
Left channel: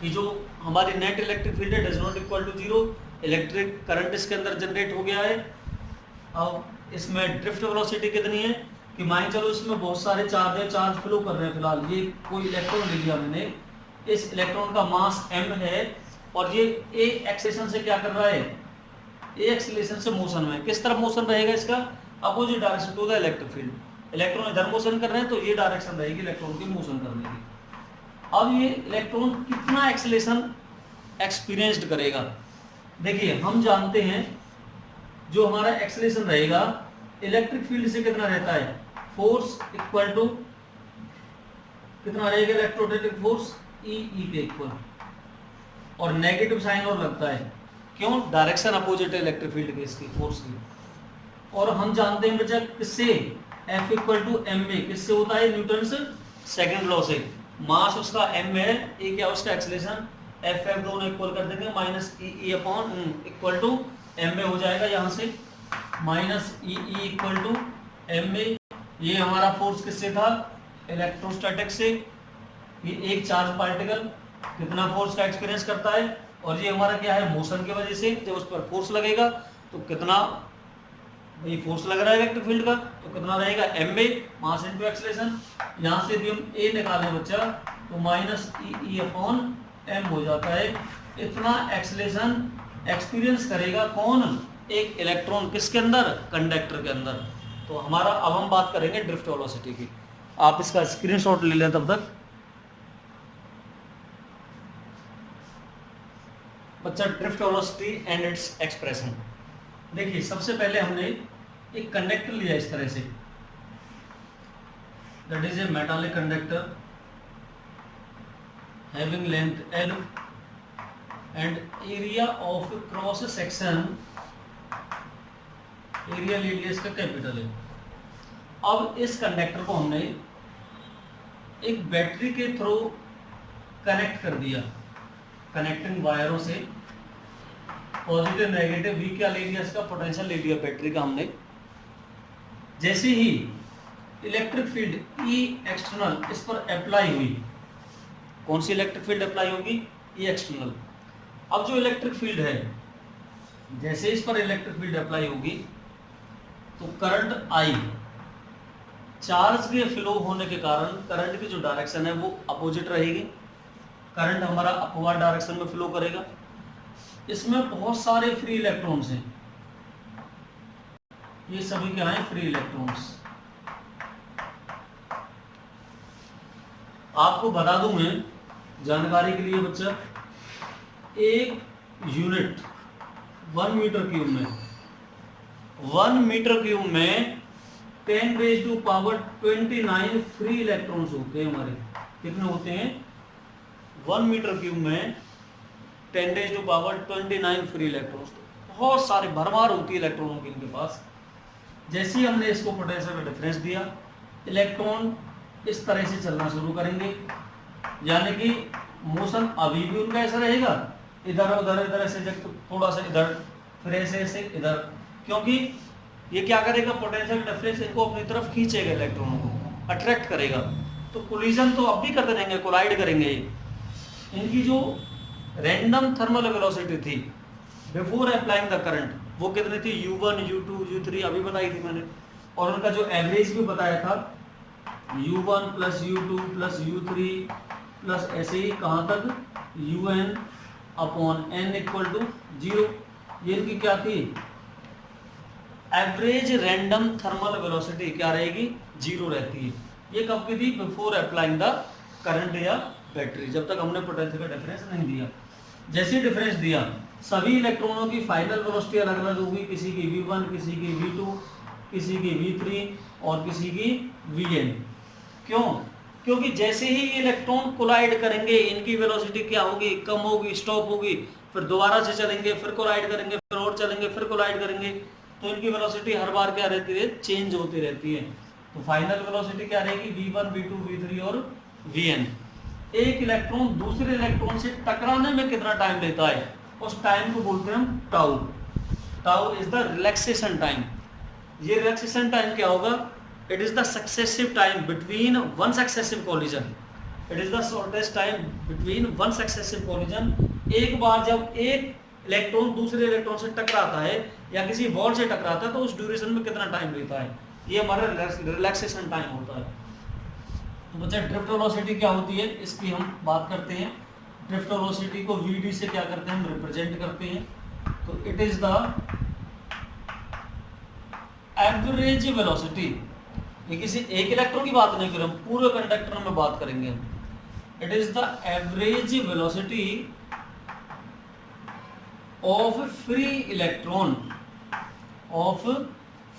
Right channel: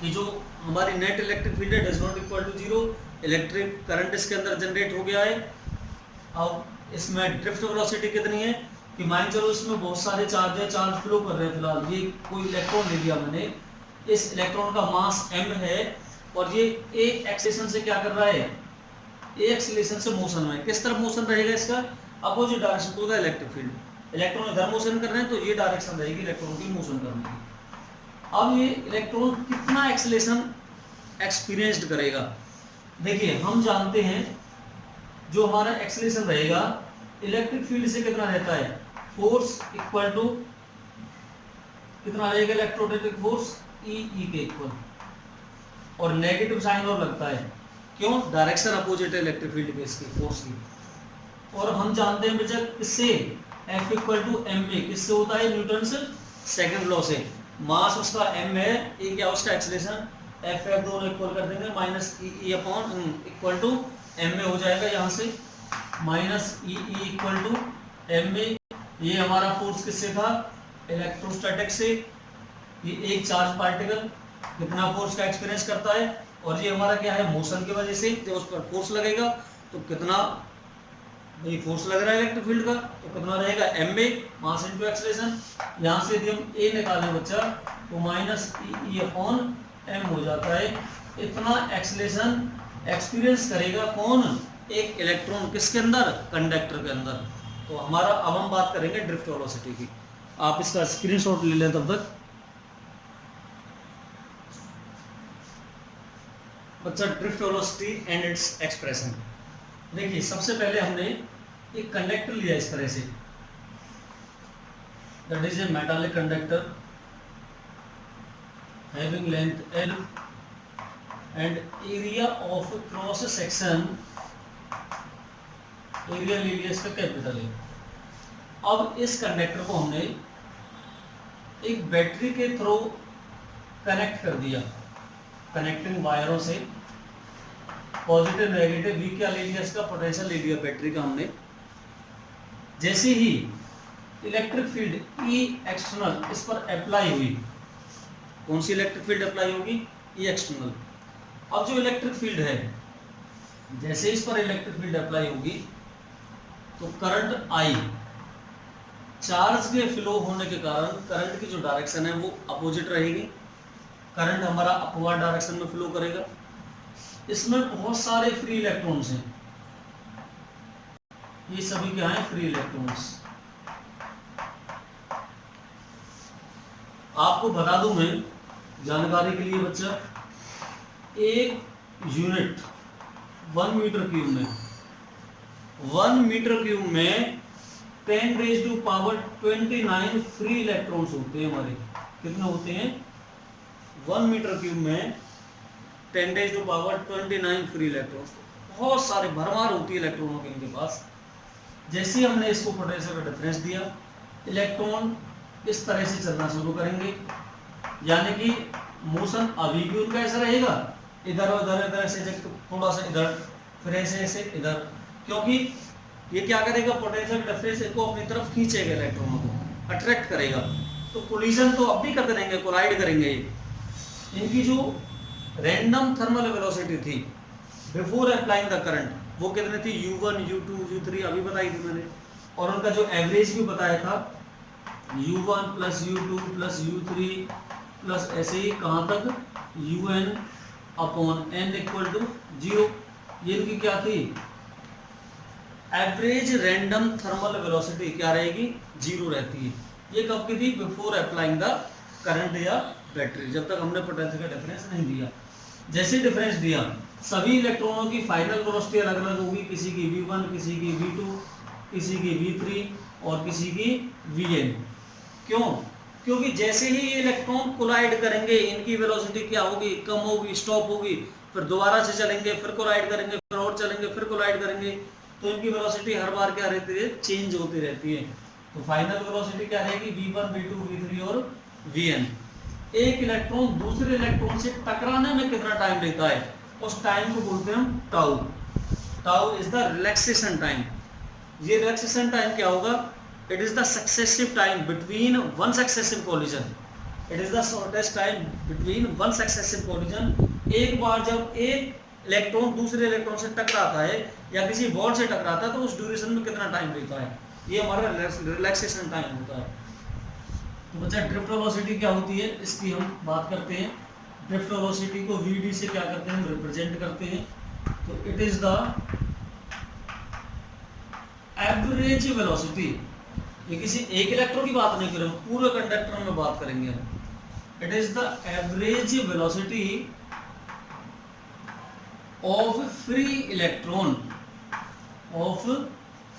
कि जो हमारी नेट इलेक्ट्रिक फील्ड है does not equal to 0, electric current इसके अंदर जनरेट हो गया है। अब इसमें ड्रिफ्ट वेलोसिटी कितनी है कि मान चलो इसमें बहुत सारे चार्ज है, चार्ज फ्लो कर रहे हैं। फिलहाल ये कोई इलेक्ट्रॉन ले लिया मैंने, इस इलेक्ट्रॉन का मास m है और ये एक एक्सेलेरेशन से क्या कर रहा है, एक एक्सेलेरेशन से मोशन में। किस तरफ मोशन रहेगा इसका, opposite direction to the electric field. Electron इधर मोशन कर रहे हैं तो ये डायरेक्शन रहेगी इलेक्ट्रॉन की मोशन करने की। अब ये इलेक्ट्रॉन कितना एक्सेलेरेशन एक्सपीरियंस्ड करेगा, देखिए हम जानते हैं जो हमारा एक्सेलेरेशन रहेगा इलेक्ट्रिक फील्ड से कितना रहता है, फोर्स इक्वल टू कितना रहेगा, इलेक्ट्रोस्टैटिक फोर्स ई के इक्वल। और नेगेटिव साइन और लगता है, क्यों? डायरेक्शन अपोजिट है इलेक्ट्रिक फील्ड के, इसकी फोर्स की। और हम जानते हैं बच्चा किससे, F equal to M A, किससे होता है? न्यूटन से सेकेंड लॉ से। मास उसका m है, ए क्या उसका एक्सीलरेशन, F दोनों इक्वल कर देंगे, minus E upon equal to M A हो जाएगा यहाँ से, minus E equal to M A. ये हमारा फोर्स किससे था? इलेक्ट्रोस्टैटिक से। ये एक चार्ज पार्टिकल कितना फोर्स का एक्सपीरियंस करता है, और ये हमारा क्या है? मोशन की वजह से जब उस पर फोर्स लगेगा तो कितना भाई फोर्स लग रहा है इलेक्ट्रिक फील्ड का, तो कितना रहेगा? M A, mass into acceleration. यहाँ से यदि हम ए निकालें बच्चा तो माइनस ई अपॉन एम हो जाता है। इतना एक्सीलरेशन एक्सपीरियंस करेगा कौन? एक इलेक्ट्रॉन, किसके अंदर? कंडक्टर के अंदर। तो हमारा अब हम बात करेंगे ड्रिफ्ट वेलोसिटी की। आप इसका स्क्रीनशॉट ले लें तब तक। बच्चा drift velocity and its expression. देखिए सबसे पहले हमने एक कंडक्टर लिया इस तरह से, that is a metallic conductor having length L and area of cross section, area ले लिया इसका कैपिटल है। अब इस कंडक्टर को हमने एक बैटरी के थ्रू कनेक्ट कर दिया, कनेक्टिंग वायरों से, पॉजिटिव नेगेटिव V क्या ले लिया? इसका पोटेंशियल ले लिया बैटरी का हमने। जैसे ही इलेक्ट्रिक फील्ड E एक्सटर्नल इस पर अप्लाई हुई, कौन सी इलेक्ट्रिक फील्ड अप्लाई होगी? E external. अब जो इलेक्ट्रिक फील्ड है, जैसे इस पर इलेक्ट्रिक फील्ड अप्लाई होगी तो करंट I, चार्ज के फ्लो होने के कारण करंट की जो डायरेक्शन है वो अपोजिट रहेगी। करंट हमारा अपवर्ड डायरेक्शन में फ्लो करेगा। इसमें बहुत सारे फ्री इलेक्ट्रॉन्स हैं, ये सभी क्या हैं? Free electrons. आपको बता दूं मैं जानकारी के लिए बच्चा, एक यूनिट 1 मीटर क्यूब में, 1 मीटर क्यूब में 10⁻²9 फ्री इलेक्ट्रॉन्स होते हैं हमारे। कितने होते हैं? 1 मीटर क्यूब में 10⁻²9 फ्री इलेक्ट्रॉन्स। बहुत सारे भरमार होती है इलेक्ट्रॉनों के इनके पास। जैसे ही हमने इसको पोटेंशियल का डिफरेंस दिया, इलेक्ट्रॉन इस तरह से चलना शुरू करेंगे, यानी कि मोशन अभी भी उनका ऐसा रहेगा, इधर उधर, इधर ऐसे, थोड़ा सा इधर, फिर ऐसे इधर, क्योंकि ये क्या करेगा? पोटेंशियल डिफरेंस इनको अपनी तरफ खींचेगा, इलेक्ट्रॉनों को अट्रैक्ट करेगा। तो कोलिजन तो अब भी करते रहेंगे, कोलाइड करेंगे। इनकी जो रैंडम थर्मल वेलोसिटी थी बिफोर अप्लाइंग द करंट, वो कितनी थी? U1, U2, U3 अभी बताई थी मैंने। और उनका जो एवरेज भी बताया था, U1 plus U2 plus U3 plus ऐसे ही कहाँ तक? UN upon N equal to 0। ये इनकी क्या थी? एवरेज रैंडम थर्मल वेलोसिटी क्या रहेगी? 0 रहती है। ये कब की थी? बिफोर अप्लाइंग द करंट या बैटरी, जब तक हमने पोटेंशियल का डिफरेंस नहीं दिया। जैसे डिफरेंस दिया, सभी इलेक्ट्रॉनों की फाइनल वेलोसिटी अलग अलग होगी, किसी की V1, किसी की V2, किसी की V3 और किसी की Vn। क्यों? क्योंकि जैसे ही ये इलेक्ट्रॉन कोलाइड करेंगे, इनकी वेलोसिटी क्या होगी? कम होगी, स्टॉप होगी, फिर दोबारा से चलेंगे, फिर कोलाइड करेंगे, फिर और चलेंगे, फिर कोलाइड करेंगे। तो इनकी वेलोसिटी हर बार क्या रहती है? चेंज होती रहती है। तो फाइनल वेलोसिटी क्या रहेगी? V1, V2, V3 और Vn। एक इलेक्ट्रॉन दूसरे इलेक्ट्रॉन से टकराने में कितना टाइम लेता है, उस टाइम को बोलते हैं हम tau. Tau is the relaxation time. ये रिलैक्सेशन टाइम क्या होगा? It is the successive time between one successive collision. It is the shortest time between one successive collision. एक बार जब एक इलेक्ट्रॉन दूसरे इलेक्ट्रॉन से टकराता है या किसी बॉल से टकराता है तो उस ड्यूरेशन में कितना टाइम लेता है, ये हमारा रिलैक्सेशन टाइम होता है। तो बच्चा ड्रिफ्ट वेलोसिटी क्या होती है, इसकी हम बात करते हैं। ड्रिफ्ट वेलोसिटी को Vd से क्या करते हैं? हम रिप्रेजेंट करते हैं। तो it is the average velocity. ये किसी एक इलेक्ट्रॉन की बात नहीं करें, हम पूरे कंडक्टर में बात करेंगे। It is the average velocity of free electron, of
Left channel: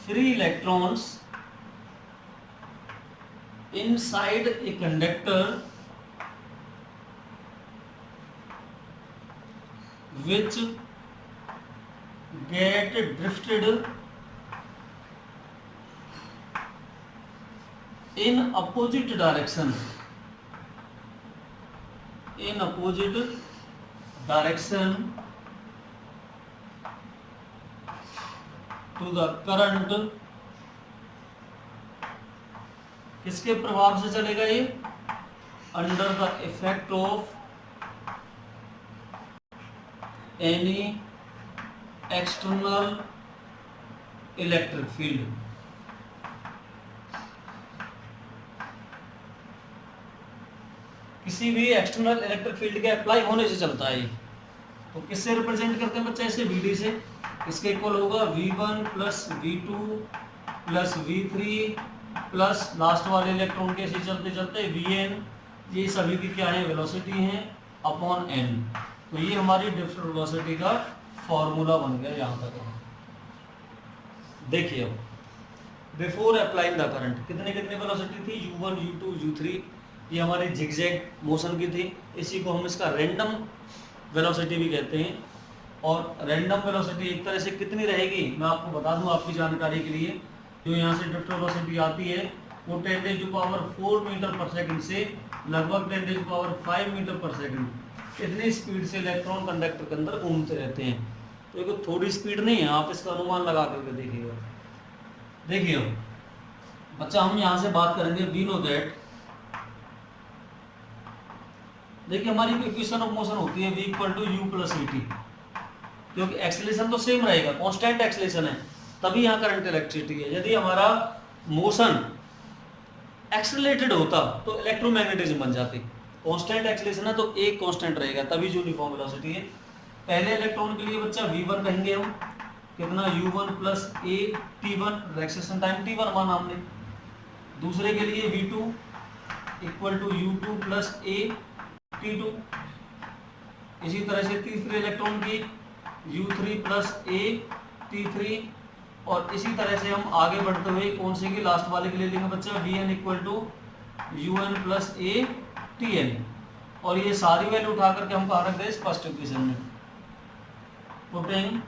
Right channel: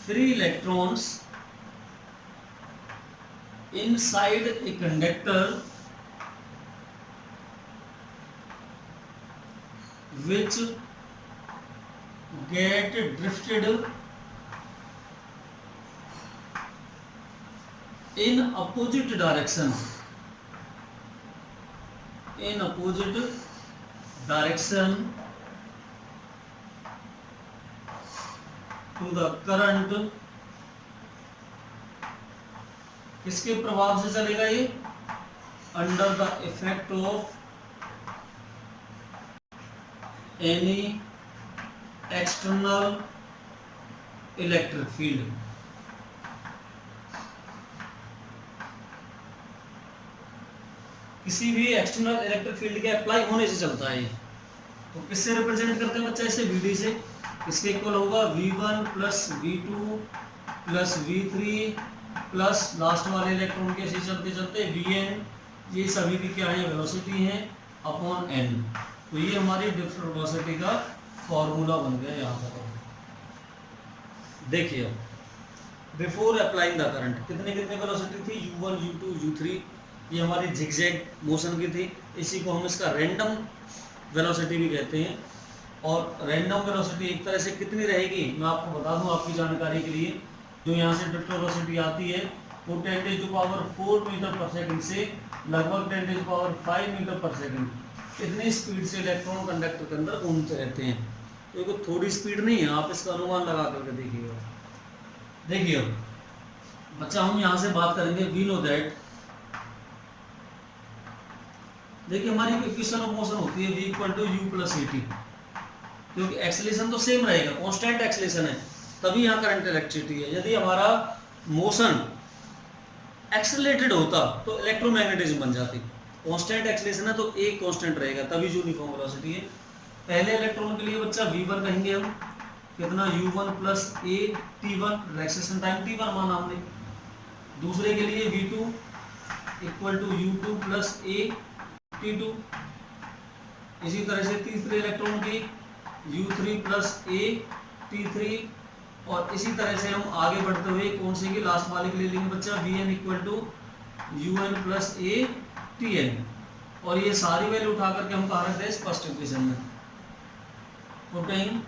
free electrons inside a conductor which get drifted in opposite direction to the current, किसके प्रभाव से चलेगा ये? Under the effect of any external electric field. किसी भी एक्सटर्नल इलेक्ट्रिक फील्ड के अप्लाई होने से चलता है ये। तो किससे रिप्रेजेंट करते हैं बच्चा? इसे Vd से। इसके इक्वल होगा V1 plus V2 plus V3 plus last वाले इलेक्ट्रॉन के ऐसे चलते चलते Vn, ये सभी की क्या है? वेलोसिटी है अपॉन n। तो ये हमारी ड्रिफ्ट वेलोसिटी का फॉर्मूला बन गया यहाँ तक। देखिए बिफोर अप्लाइंग द करंट कितने कितने वेलोसिटी थी? u1 u2 u3, ये हमारी जिगजैग मोशन की थी। इसी को हम इसका रैंडम वेलोसिटी भी कहते हैं। और रैंडम वेलोसिटी एक तरह से कितनी रहेगी मैं आपको बता दूं आपकी जानकारी के लिए। जो यहाँ से ड्रिफ्ट वेलोसिटी आती है वो 10⁻⁴ मीटर पर सेकंड से लगभग 10⁻⁵ मीटर पर सेकंड इतनी स्पीड से इलेक्ट्रॉन कंडक्टर के अंदर घूमते रहते हैं। तो ये कोई थोड़ी स्पीड नहीं है, आप इसका अनुमान लगा करके देखिएगा। देखिए बच्चा हम यहाँ से बात करेंगे वी नो दैट, देखिए हमारी इक्वेशन ऑफ मोशन होती है v = u + at, क्योंकि एक्सेलरेशन तो सेम रहेगा, कांस्टेंट एक्सेलरेशन है, तभी यहाँ करंट इलेक्ट्रिसिटी है। यदि हमारा मोशन एक्सेलरेटेड होता तो इलेक्ट्रोमैग्नेटिज्म बन जाती। कांस्टेंट एक्सेलरेशन है तो एक कांस्टेंट रहेगा, तभी यूनिफॉर्म वेलोसिटी है। पहले इलेक्ट्रॉन के लिए बच्चा v1 कहेंगे हम, कितना u1 + a t1 relaxation time t1 माना हमने। दूसरे के लिए v2 = u2 + a t2। इसी तरह से तीसरे इलेक्ट्रॉन की u3 + a t3। और इसी तरह से हम आगे बढ़ते हुए कौन से की लास्ट वाले के लिए लेंगे बच्चा vn = un + a tn। और ये सारी वैल्यू उठा करके हम कहाँ रख दें? फर्स्ट इक्वेशन में, putting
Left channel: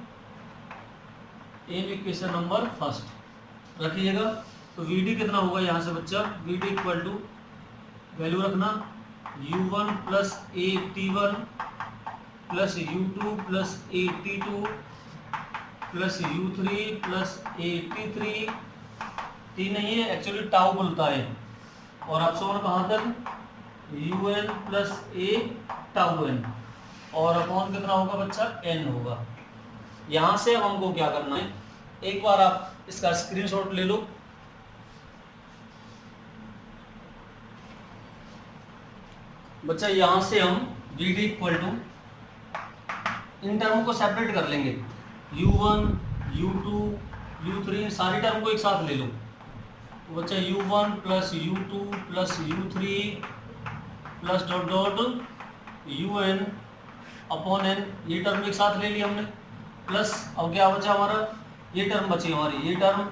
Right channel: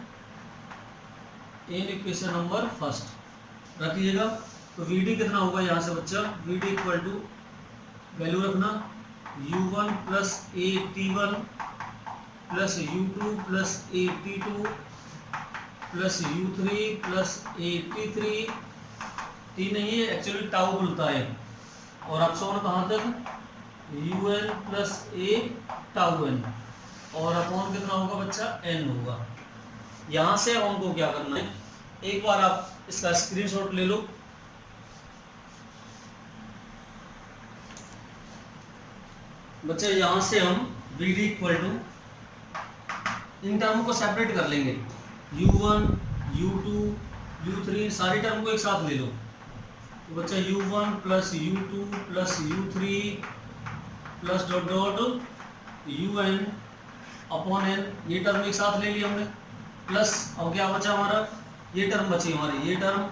in equation number first रखिएगा। तो vd कितना होगा यहाँ से बच्चा? vd = वैल्यू रखना u1 + a t1 + u2 + a t2 + u3 + a t3। t नहीं है एक्चुअली टाउ बोलता है। और अपसोन कहाँ तक? un + a tau n। और अपॉन कितना होगा बच्चा? n होगा। यहाँ से हमको क्या करना है, एक बार आप इसका स्क्रीनशॉट ले लो। बच्चा यहाँ से हम vd = इन टर्म को सेपरेट कर लेंगे, u1 u2 u3 सारी टर्म को एक साथ ले लो। तो बच्चा u1 + u2 + u3 + dot dot un upon n, ये टर्म एक साथ ले लिया हमने। प्लस अब क्या बचा हमारा? ये टर्म बची हमारी, ये टर्म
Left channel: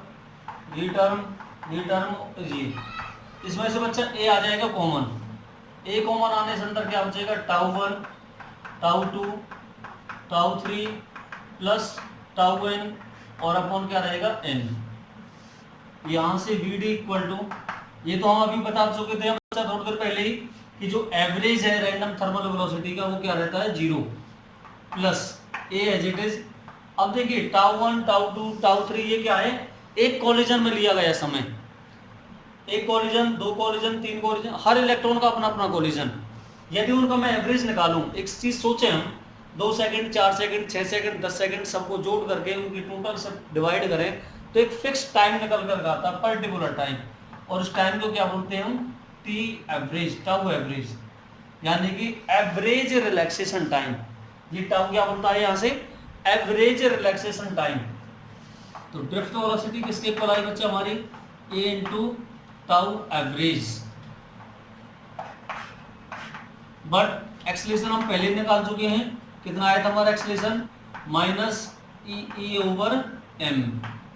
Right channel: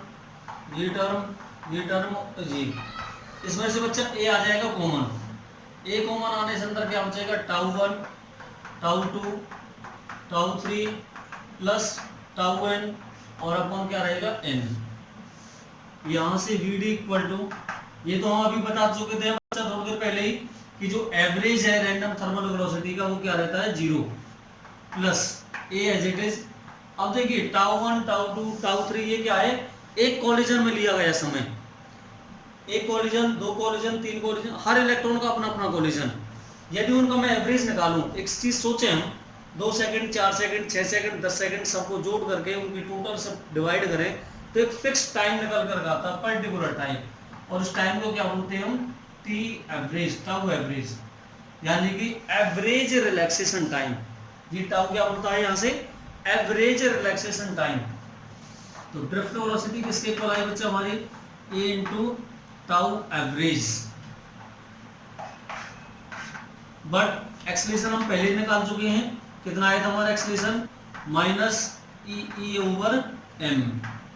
ये टर्म ये टर्म ये। इसमें से बच्चा a आ जाएगा कॉमन। a कॉमन आने से अंदर क्या बचेगा? τ1 τ2 τ3 प्लस τn और अपॉन क्या रहेगा? n। यहाँ से vd = ये तो हम अभी बता चुके थे बच्चा थोड़ी देर पहले ही कि जो एवरेज है रैंडम थर्मल वेलोसिटी का वो क्या रहता है? 0 plus a as it is. अब देखिए τ1 τ2 τ3 ये क्या है? एक कॉलिजन में लिया गया समय, एक कॉलिजन, दो कॉलिजन, तीन कॉलिजन, हर इलेक्ट्रॉन का अपना अपना कॉलिजन। यदि उनका मैं एवरेज निकालूं, एक चीज सोचे हम, 2 सेकंड 4 सेकंड 6 सेकंड 10 सेकंड सबको जोड़ करके उनकी टोटल सब डिवाइड करें तो एक फिक्स टाइम निकल कर आता है, पर्टिकुलर टाइम। और उस टाइम को क्या बोलते हैं हम? टी एवरेज, टाउ एवरेज, यानी कि एवरेज रिलैक्सेशन टाइम। ये टाउ क्या बोलता है यहाँ से? Average relaxation time. तो ड्रिफ्ट वेलोसिटी किसके इक्वल आई बच्चा हमारी? a × tau average. But acceleration हम पहले ही निकाल चुके हैं, कितना आया था हमारा एक्सेलरेशन? -e/m।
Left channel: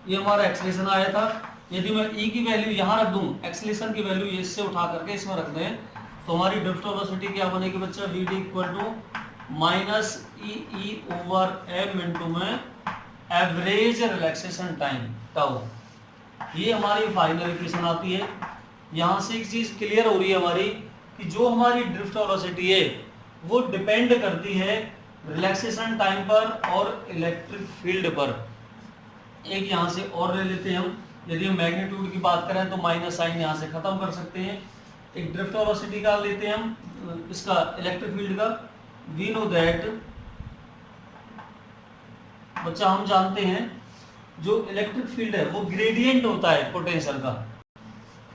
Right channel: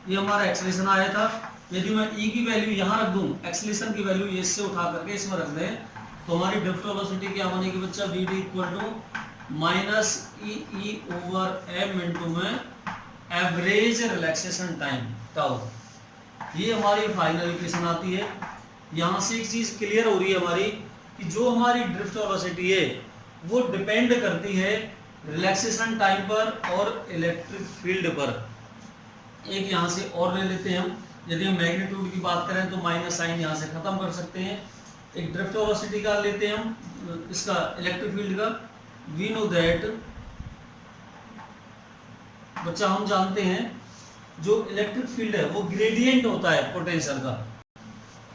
ये हमारा एक्सेलरेशन आया था। यदि मैं e की वैल्यू यहाँ रख दूं, एक्सेलरेशन की वैल्यू इससे उठा करके इसमें रख दें, तो हमारी ड्रिफ्ट वेलोसिटी क्या बनेगी बच्चा? vd = minus E over M into में एवरेज रिलैक्सेशन टाइम टाउ। ये हमारी फाइनल इक्वेशन आती है। यहाँ से एक चीज क्लियर हो रही है हमारी कि जो हमारी ड्रिफ्ट वेलोसिटी है वो डिपेंड करती है रिलैक्सेशन टाइम पर और इलेक्ट्रिक फील्ड पर। एक यहाँ से और ले लेते हैं हम, यदि हम मैग्नीट्यूड की बात करें तो माइनस साइन यहाँ से खत्म कर सकते हैं। एक ड्रिफ्ट वेलोसिटी का लेते हैं हम, इसका इलेक्ट्रिक फील्ड का। वी नो दैट, बच्चा हम जानते हैं जो इलेक्ट्रिक फील्ड है वो ग्रेडियंट होता है पोटेंशियल का।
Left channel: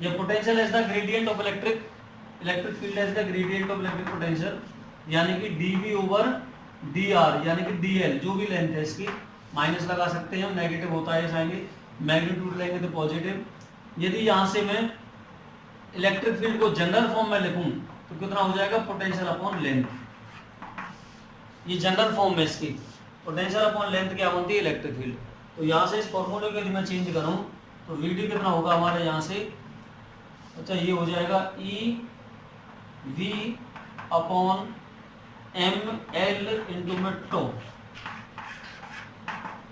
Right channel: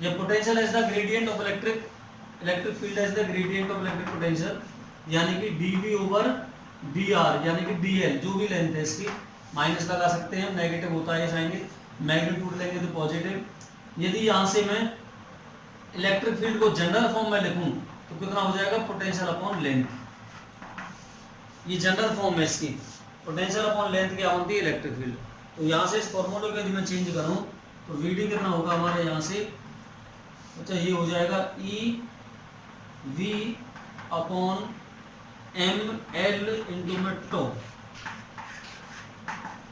ये potential is the gradient of electric field is the gradient of electric potential, यानी कि dv ओवर dr, यानी कि dl जो भी लेंथ है इसकी, माइनस लगा सकते हैं हम, नेगेटिव होता है आएंगे, मैग्नीट्यूड लेंगे तो पॉजिटिव। यदि यहाँ से मैं इलेक्ट्रिक फील्ड को जनरल फॉर्म में लिखूं तो कितना हो जाएगा, पोटेंशियल अपॉन लेंथ। ये जनरल फॉर्म है इसकी, पोटेंशियल अपॉन लेंथ क्या होती है, इलेक्ट्रिक फील्ड। तो यहाँ से इस फॉर्मूले को यदि मैं चेंज करूँ तो वीडी कितना होगा हमारे यहाँ से, अच्छा ये हो जाएगा E we upon M L into में टो।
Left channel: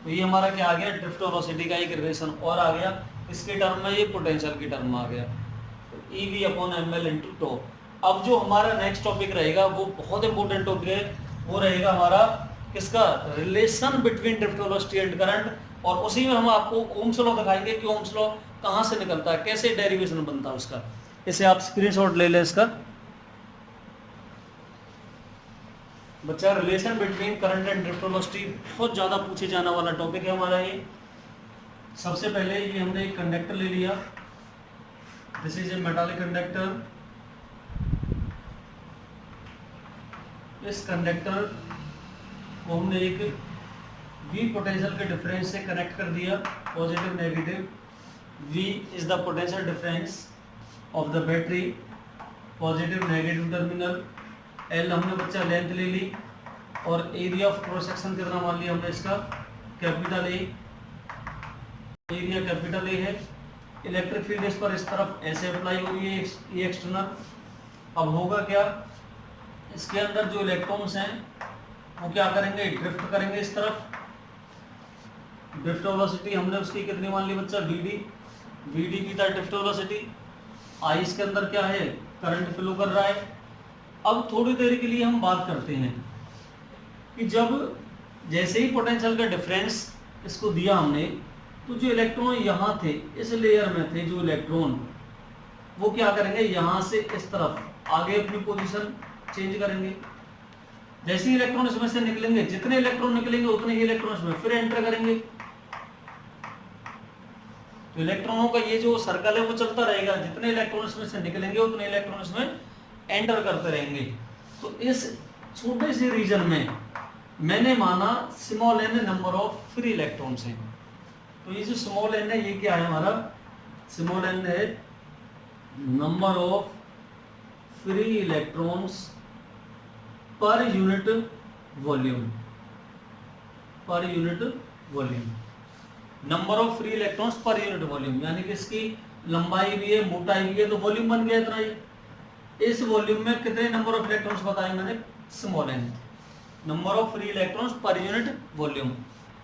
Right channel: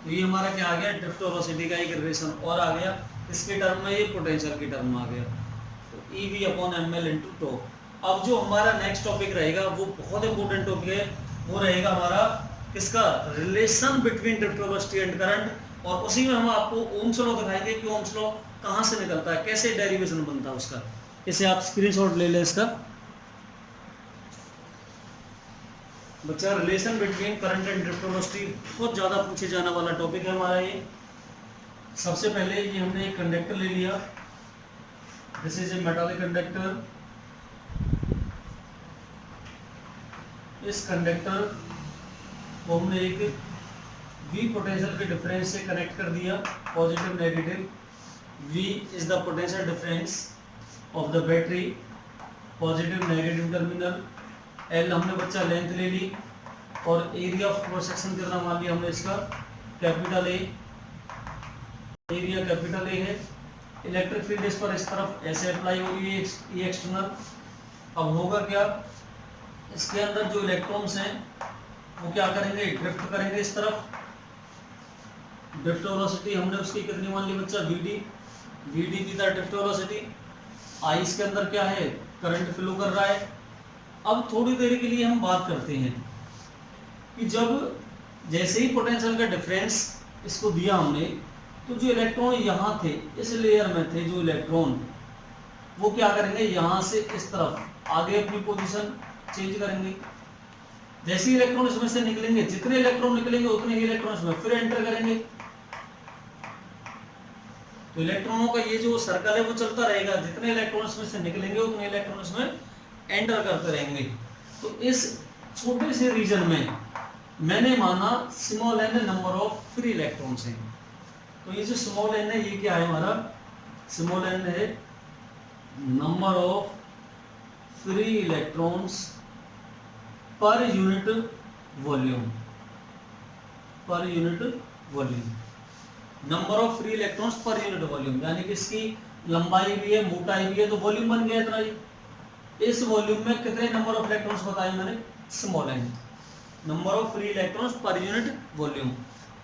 तो ये हमारा क्या आ गया, ड्रिफ्ट वेलोसिटी का एक रिलेशन और आ गया, इसके टर्म में, ये पोटेंशियल के टर्म में आ गया। तो E we upon M L into tau. अब जो हमारा नेक्स्ट टॉपिक रहेगा वो बहुत इंपॉर्टेंट टॉपिक है, वो रहेगा हमारा इसका relation between drift velocity and current. और उसी में हम आपको ओम्स लॉ दिखाएंगे कि ओम्स लॉ कहाँ से निकलता है, कैसे डेरिवेशन बनता है उसका। इसे आप स्क्रीनशॉट ले लें इसका। बच्चा relation between current and drift velocity बहुत ज़्यादा पूछे जाने वाला टॉपिक है हमारा ये। सबसे पहले ये हमने एक कंडक्टर ले लिया, this is a metallic conductor. इस कंडक्टर को हमने एक V पोटेंशियल के डिफरेंस से कनेक्ट कर दिया, positive negative. V is the potential difference of the battery, positive negative terminal. L हमने बच्चा लेंथ ले ली, और एरिया ऑफ क्रॉस सेक्शन कितना मान लिया हमने इसका, capital A, area capital A है। इलेक्ट्रिक फील्ड इस पर इस तरफ ऐसे अप्लाई होगी, ये एक्सटर्नल। अब होगा क्या, इसके अंदर जो इलेक्ट्रॉन्स हैं वो क्या करेंगे, ड्रिफ्ट करेंगे इस तरफ। ड्रिफ्ट वेलोसिटी हमने उसकी कितनी मान ली बच्चा, वीडी की था ड्रिफ्ट वेलोसिटी। आई इसके अंदर क्या है, करंट फ्लो कर रहा है। अब थोड़ी देर के लिए हम बात करते हैं कि जब जैसे ही पोटेंशियल का डिफरेंस इसको दिया हमने, तो जो इलेक्ट्रॉन यहाँ थे इस लेयर में थे, जो इलेक्ट्रॉन वो क्या करेंगे, यहाँ से इस तरफ आगे अपनी पोजीशन चेंज करेंगे। जैसे ही इलेक्ट्रॉन इसमें से निकलेंगे, जितने इलेक्ट्रॉन निकलेंगे उतने ही इलेक्ट्रॉन इसमें फिर एंटर करेंगे। तो इलेक्ट्रॉनों का ये जो सर्कल है वो चलता रहेगा, जितने इलेक्ट्रॉन इसमें से निकलेंगे उतने इलेक्ट्रॉन इसमें एंटर करते रहेंगे। तो इस छोटे से रीजन में मैंने माना small N number of free electrons हैं। तो ये जो स्मॉल एन है ये क्या है हमारा, स्मॉल एन है number of free electrons per unit volume, पर unit volume. Number of free electrons per unit volume, यानी कि इसकी लंबाई भी है, मोटाई भी है, तो वॉल्यूम बन गया इतना ही। इस वॉल्यूम में कितने नंबर ऑफ इलेक्ट्रॉन्स बताए मैंने, small N, number of free electrons per unit volume.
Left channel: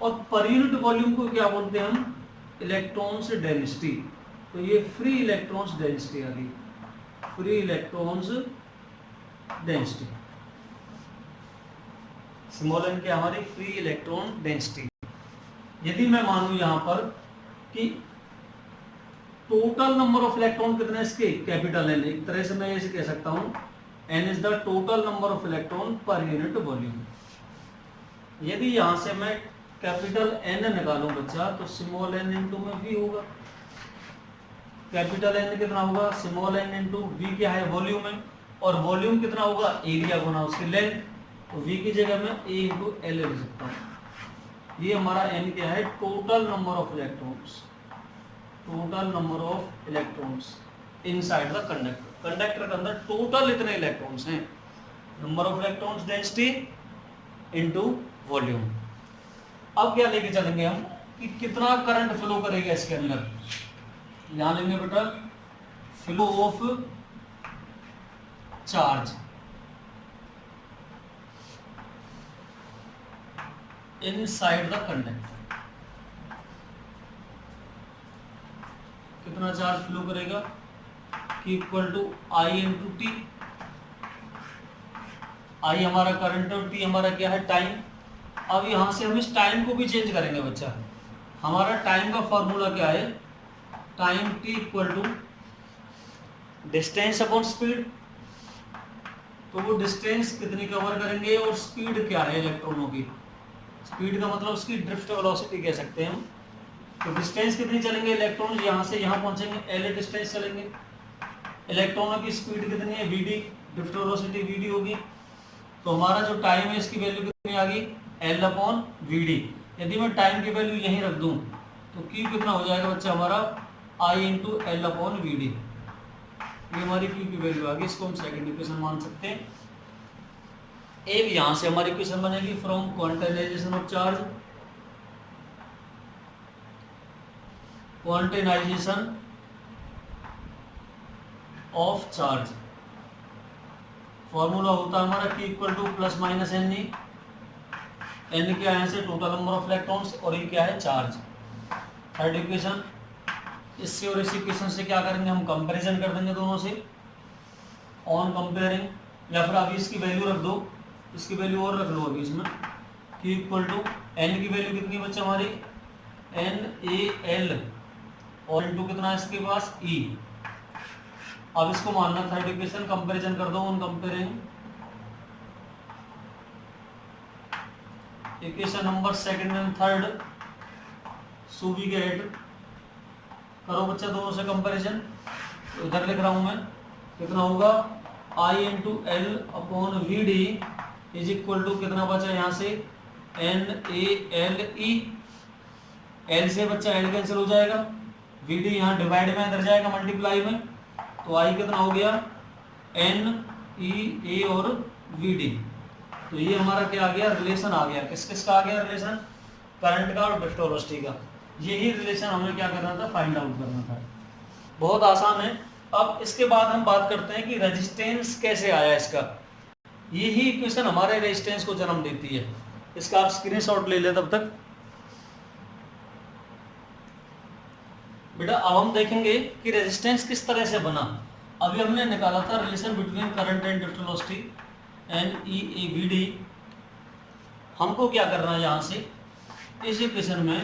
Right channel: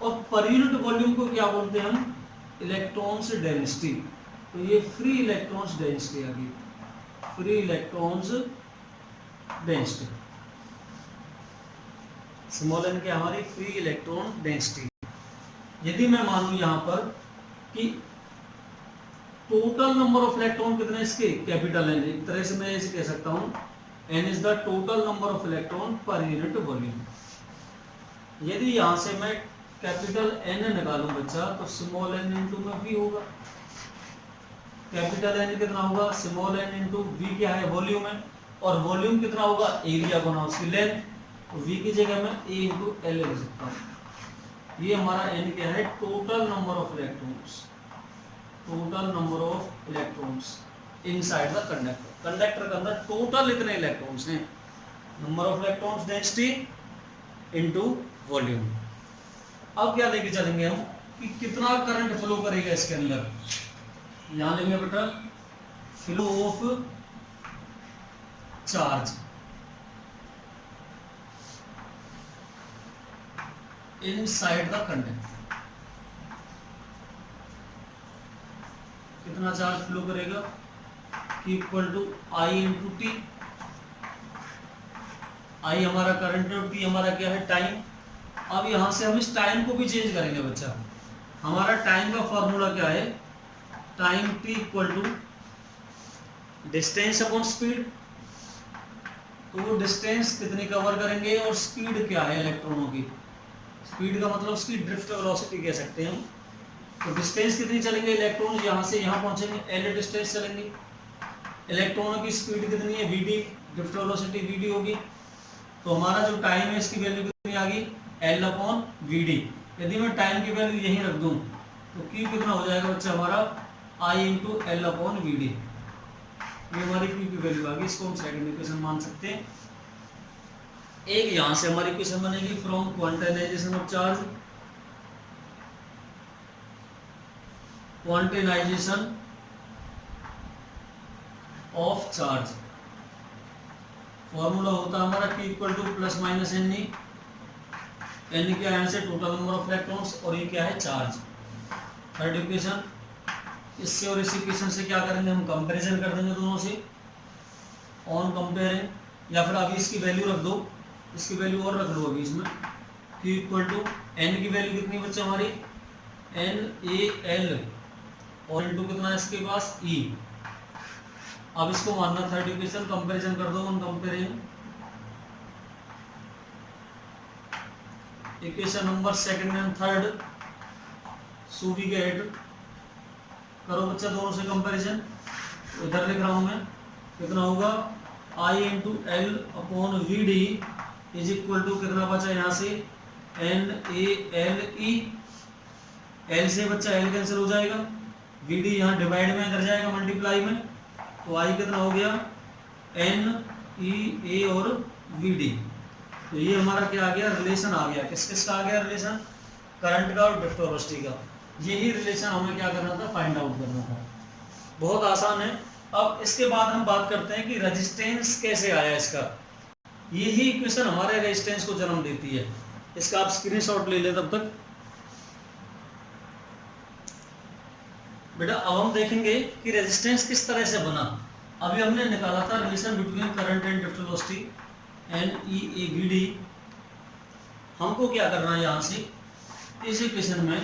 और पर यूनिट वॉल्यूम को क्या बोलते हैं हम, इलेक्ट्रॉन्स डेंसिटी। तो ये फ्री इलेक्ट्रॉन्स डेंसिटी आ गई, free electrons density. Small n क्या हमारी फ्री इलेक्ट्रॉन डेंसिटी। यदि मैं मानूं यहां पर कि टोटल नंबर ऑफ इलेक्ट्रॉन कितने इसके, कैपिटल एन, एक तरह से मैं ऐसे कह सकता हूं n is the total number of electron per unit volume. यदि यहां से मैं कैपिटल एन निकालूं बच्चा, तो स्मॉल एन इंटू में वी होगा। कैपिटल एन कितना होगा, स्मॉल एन इंटू वी क्या है, वॉल्यूम है, और वॉल्यूम कितना होगा, एरिया गुना उसकी लेंथ। तो v की जगह मैं a इंटू एल लिख सकता हूँ। ये हमारा n क्या है, total number of electrons, total number of electrons inside the conductor. Conductor के अंदर टोटल इतने इलेक्ट्रॉन्स हैं, number of electrons density into volume. अब क्या लेके चलेंगे हम कि कितना करंट फ्लो करेगा इसके अंदर। यहां लेंगे बेटा flow of charge, inside the conductor. कितना चार्ज फ्लो करेगा, equal to I into T. I हमारा करंट और टी हमारा क्या है, टाइम। अब यहां से हम इस टाइम को भी चेंज करेंगे बच्चा। हमारा टाइम का फॉर्मूला क्या है, time t equal to distance upon speed. तो वो डिस्टेंस कितनी कवर करेंगे और स्पीड क्या है इलेक्ट्रॉनों की, स्पीड का मतलब उसकी ड्रिफ्ट वेलोसिटी कह सकते हैं हम। तो डिस्टेंस कितनी चलेंगे, इलेक्ट्रॉन यहां से यहां पहुंचेंगे, एल डिस्टेंस चलेंगे। इलेक्ट्रॉनों की स्पीड कितनी है, वीडी, ड्रिफ्ट वेलोसिटी वीडी होगी। तो हमारा जो टाइम है इसकी वैल्यू कितनी आ गई, एल अपॉन वीडी। यदि मैं टाइम की वैल्यू यहीं रख दूं तो क्यू कितना हो जाएगा बच्चा हमारा, आई इंटू एल अपॉन वीडी। ये हमारी क्यू की वैल्यू आ गई। इसको हम सेकंड इक्वेशन मान सकते हैं। एक यहां से हमारी इक्वेशन बनेगी from quantization of charge, quantization of charge. Formula होता है हमारा Q equal to plus minus n e. N क्या है, से टोटल नंबर ऑफ इलेक्ट्रॉन्स, और ये क्या है, चार्ज। थर्ड इक्वेशन, इससे और इस इक्वेशन से क्या करेंगे हम, कंपैरिजन कर देंगे दोनों से, ऑन कंपेयरिंग। या फिर अभी इसकी वैल्यू रख दो, इसकी वैल्यू और रख लो अभी इसमें। Q इक्वल टू एन की वैल्यू कितनी बच्चे हमारी, एन ए एल, और इंटू कितना है इसके पास, ई। अब इसको मानना थर्ड इक्वेशन, कंपैरिजन कर दो, on comparing. Equation number second and third so we get, करो बच्चा दोनों से कंपैरिजन। इधर लिख रहा हूं मैं, कितना होगा, I into L upon V D is equal to कितना बचा यहाँ से, N A L E. L से बच्चा एल कैंसिल हो जाएगा, वी डी यहाँ डिवाइड में इधर जाएगा मल्टीप्लाई में, तो आई कितना हो गया, एन ई ए और वी डी। तो ये हमारा क्या आ गया, रिलेशन आ गया। किस किस का आ गया रिलेशन, करंट का और ड्रिफ्ट वेलोसिटी का। यही रिलेशन हमें क्या करना था, फाइंड आउट करना था। बहुत आसान है। अब इसके बाद हम बात करते हैं कि रेजिस्टेंस कैसे आया इसका। यही इक्वेशन हमारे रेजिस्टेंस को जन्म देती है। इसका आप स्क्रीनशॉट ले लें तब तक। बेटा अब हम देखेंगे कि रेजिस्टेंस किस तरह से बना। अभी हमने निकाला था relation between current and drift velocity, n e A v d. हमको क्या करना है, यहाँ से इस इक्वेशन में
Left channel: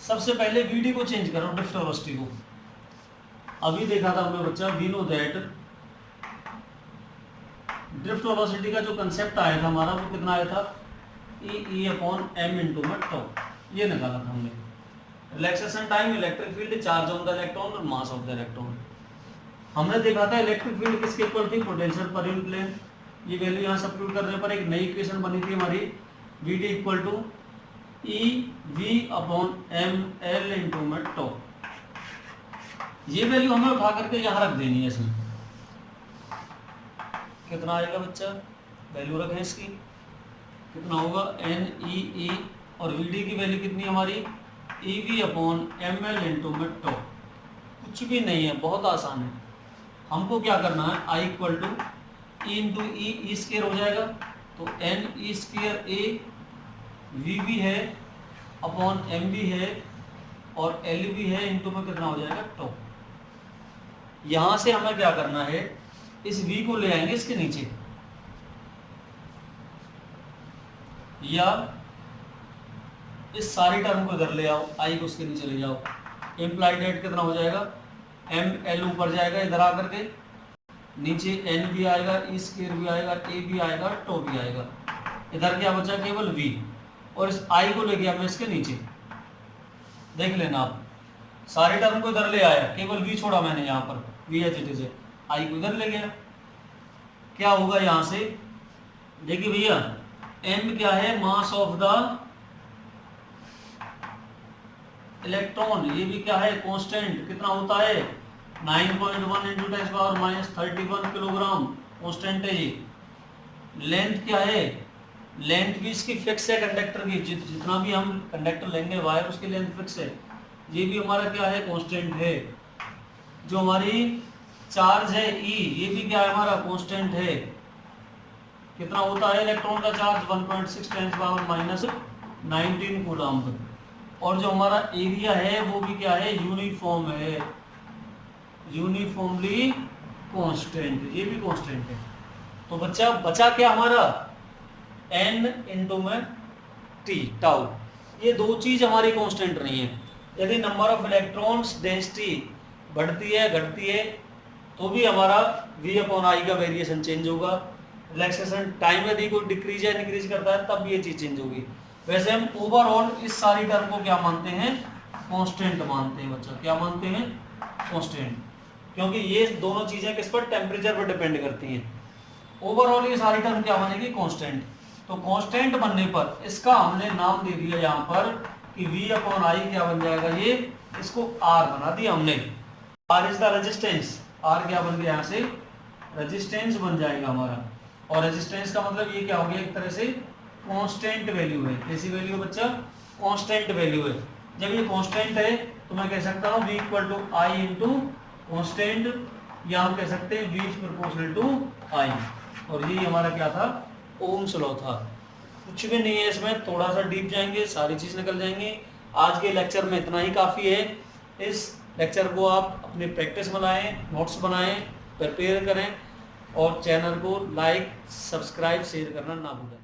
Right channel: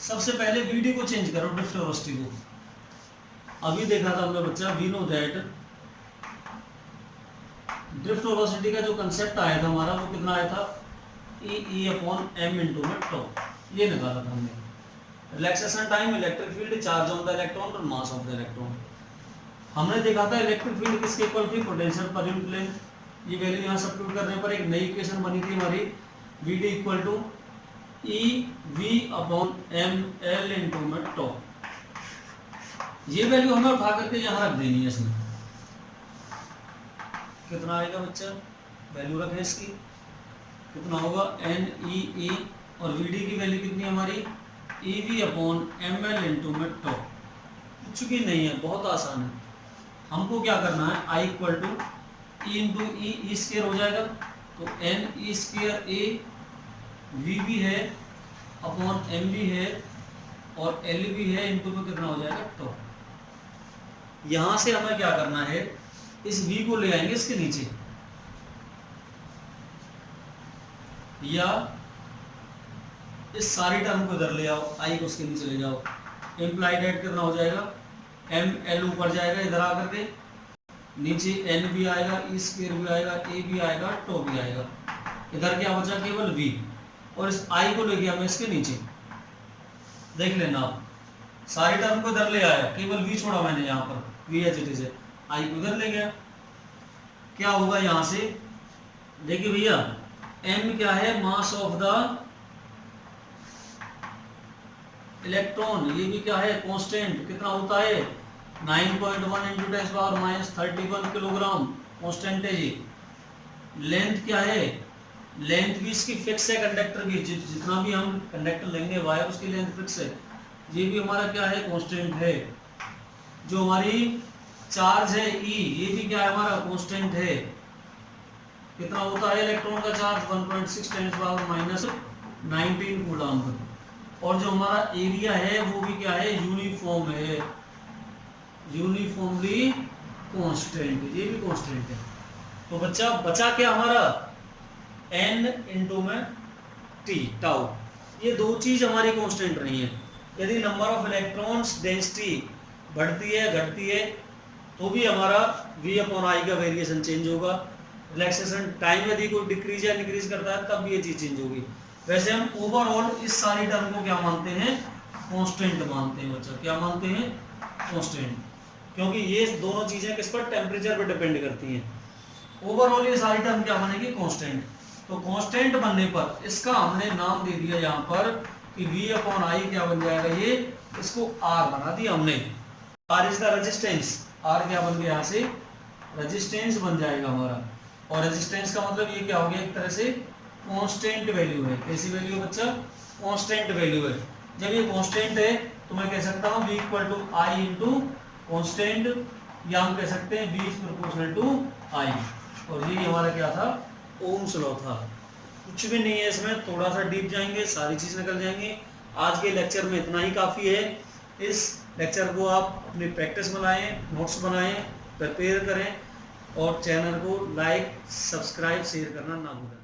सबसे पहले वी डी को चेंज करो, ड्रिफ्ट वेलोसिटी को। अभी देखा था हमने बच्चा, we know that drift velocity का जो कंसेप्ट आया था हमारा, वो कितना आया था, ई अपॉन एम इंटू में टो। ये निकाला था हमने। Relaxation time, electric field, charge on the electron और मास ऑफ द इलेक्ट्रॉन। हमने देखा था इलेक्ट्रिक फील्ड किसके इक्वल थी, पोटेंशियल पर यूनिट लेंथ। ये वैल्यू यहाँ सब्स्टिट्यूट करने पर एक नई इक्वेशन बनी थी हमारी, v d equal to e we upon M L into में टो। ये वैल्यू हमें उठा करके यहाँ रख देनी है। इसमें कितना आएगा बच्चा, वैल्यू रखें इसकी, कितना होगा, एन ई ए, और वी डी की वैल्यू कितनी हमारी, e we upon M L into में टो। कुछ भी नहीं है, बहुत आसान है। हमको क्या करना है, I equal to E into E square हो जाएगा, तो N E square A V भी है अपॉन एम भी है और एल भी है, इंटू में कितना हो जाएगा, टो। यहां से हमें क्या करना है, इस v को ले आएंगे इसके नीचे, या इस सारी टर्म को इधर ले आओ, आई को उसके नीचे ले जाओ। इम्प्लाइड एट कितना हो जाएगा, एम एल ऊपर जाएगा, इधर आकर के नीचे एन भी आएगा, ई स्क्वायर भी आएगा, ए भी आएगा, टो भी आएगा। इधर क्या बचा, केवल v, और इस आई को ले गया मैं इसके नीचे। देख लेना आप, सारी टर्म को इधर ले आया, केवल v छोड़ा मैंने यहाँ पर, v एच इट इज है, आई को इधर ले गया। क्या होगा यहाँ से, देखिए भैया, m क्या है, मास ऑफ द इलेक्ट्रॉन, ये भी क्या है, कांस्टेंट। कितना होता है, 9.1 इंटू 10⁻³ किलोग्राम, कांस्टेंट है ये। लेंथ क्या है, लेंथ भी इसकी फिक्स है, कंडक्टर की जितना भी हम कंडक्टर लेंगे वायर, उसकी लेंथ फिक्स है। ये भी हमारा क्या है, कांस्टेंट है। जो हमारी चार्ज है E, ये भी क्या है हमारा, कांस्टेंट है। कितना होता है इलेक्ट्रॉन का चार्ज, 1.6 × 19 कूलम्ब। और जो हमारा एरिया है वो भी क्या है, यूनिफॉर्म है, यूनिफॉर्मली कांस्टेंट, ये भी कांस्टेंट है। तो बच्चा बचा क्या हमारा, n इंटू में t टाउ, ये दो चीज हमारी कांस्टेंट नहीं है। यदि नंबर ऑफ इलेक्ट्रॉन्स डेंसिटी बढ़ती है घटती है तो भी हमारा v अपॉन आई का वेरिएशन चेंज होगा। रिलैक्सेशन टाइम यदि कोई डिक्रीज या इंक्रीज करता है तब ये चीज चेंज होगी। वैसे हम ओवरऑल इस सारी टर्म को क्या मानते हैं, कांस्टेंट मानते हैं बच्चा, क्या मानते हैं, कांस्टेंट, क्योंकि ये दोनों चीजें किस पर, टेम्परेचर पर डिपेंड करती हैं। ओवरऑल ये सारी टर्म क्या बनेगी, कांस्टेंट। तो कांस्टेंट बनने पर इसका हमने नाम दे दिया यहाँ पर कि v अपॉन आई क्या बन जाएगा, ये इसको r बना दिया हमने। r is the resistance, r क्या बन गया यहाँ से, रेजिस्टेंस बन जाएगा हमारा। और रेजिस्टेंस का मतलब ये क्या हो गया, एक तरह से कांस्टेंट वैल्यू है। कैसी वैल्यू है बच्चा, कांस्टेंट वैल्यू है। जब ये कांस्टेंट है तो मैं कह सकता हूँ v equal to I into constant, या हम कह सकते हैं v is proportional to i। और ये हमारा क्या था, ओम्स लॉ था। कुछ भी नहीं है इसमें, थोड़ा सा डीप जाएंगे सारी चीज निकल जाएंगी। आज के लेक्चर में इतना ही काफी है। इस लेक्चर को आप अपनी प्रैक्टिस बनाएं, नोट्स बनाएं, प्रिपेयर करें और चैनल को लाइक सब्सक्राइब शेयर करना ना भूलें।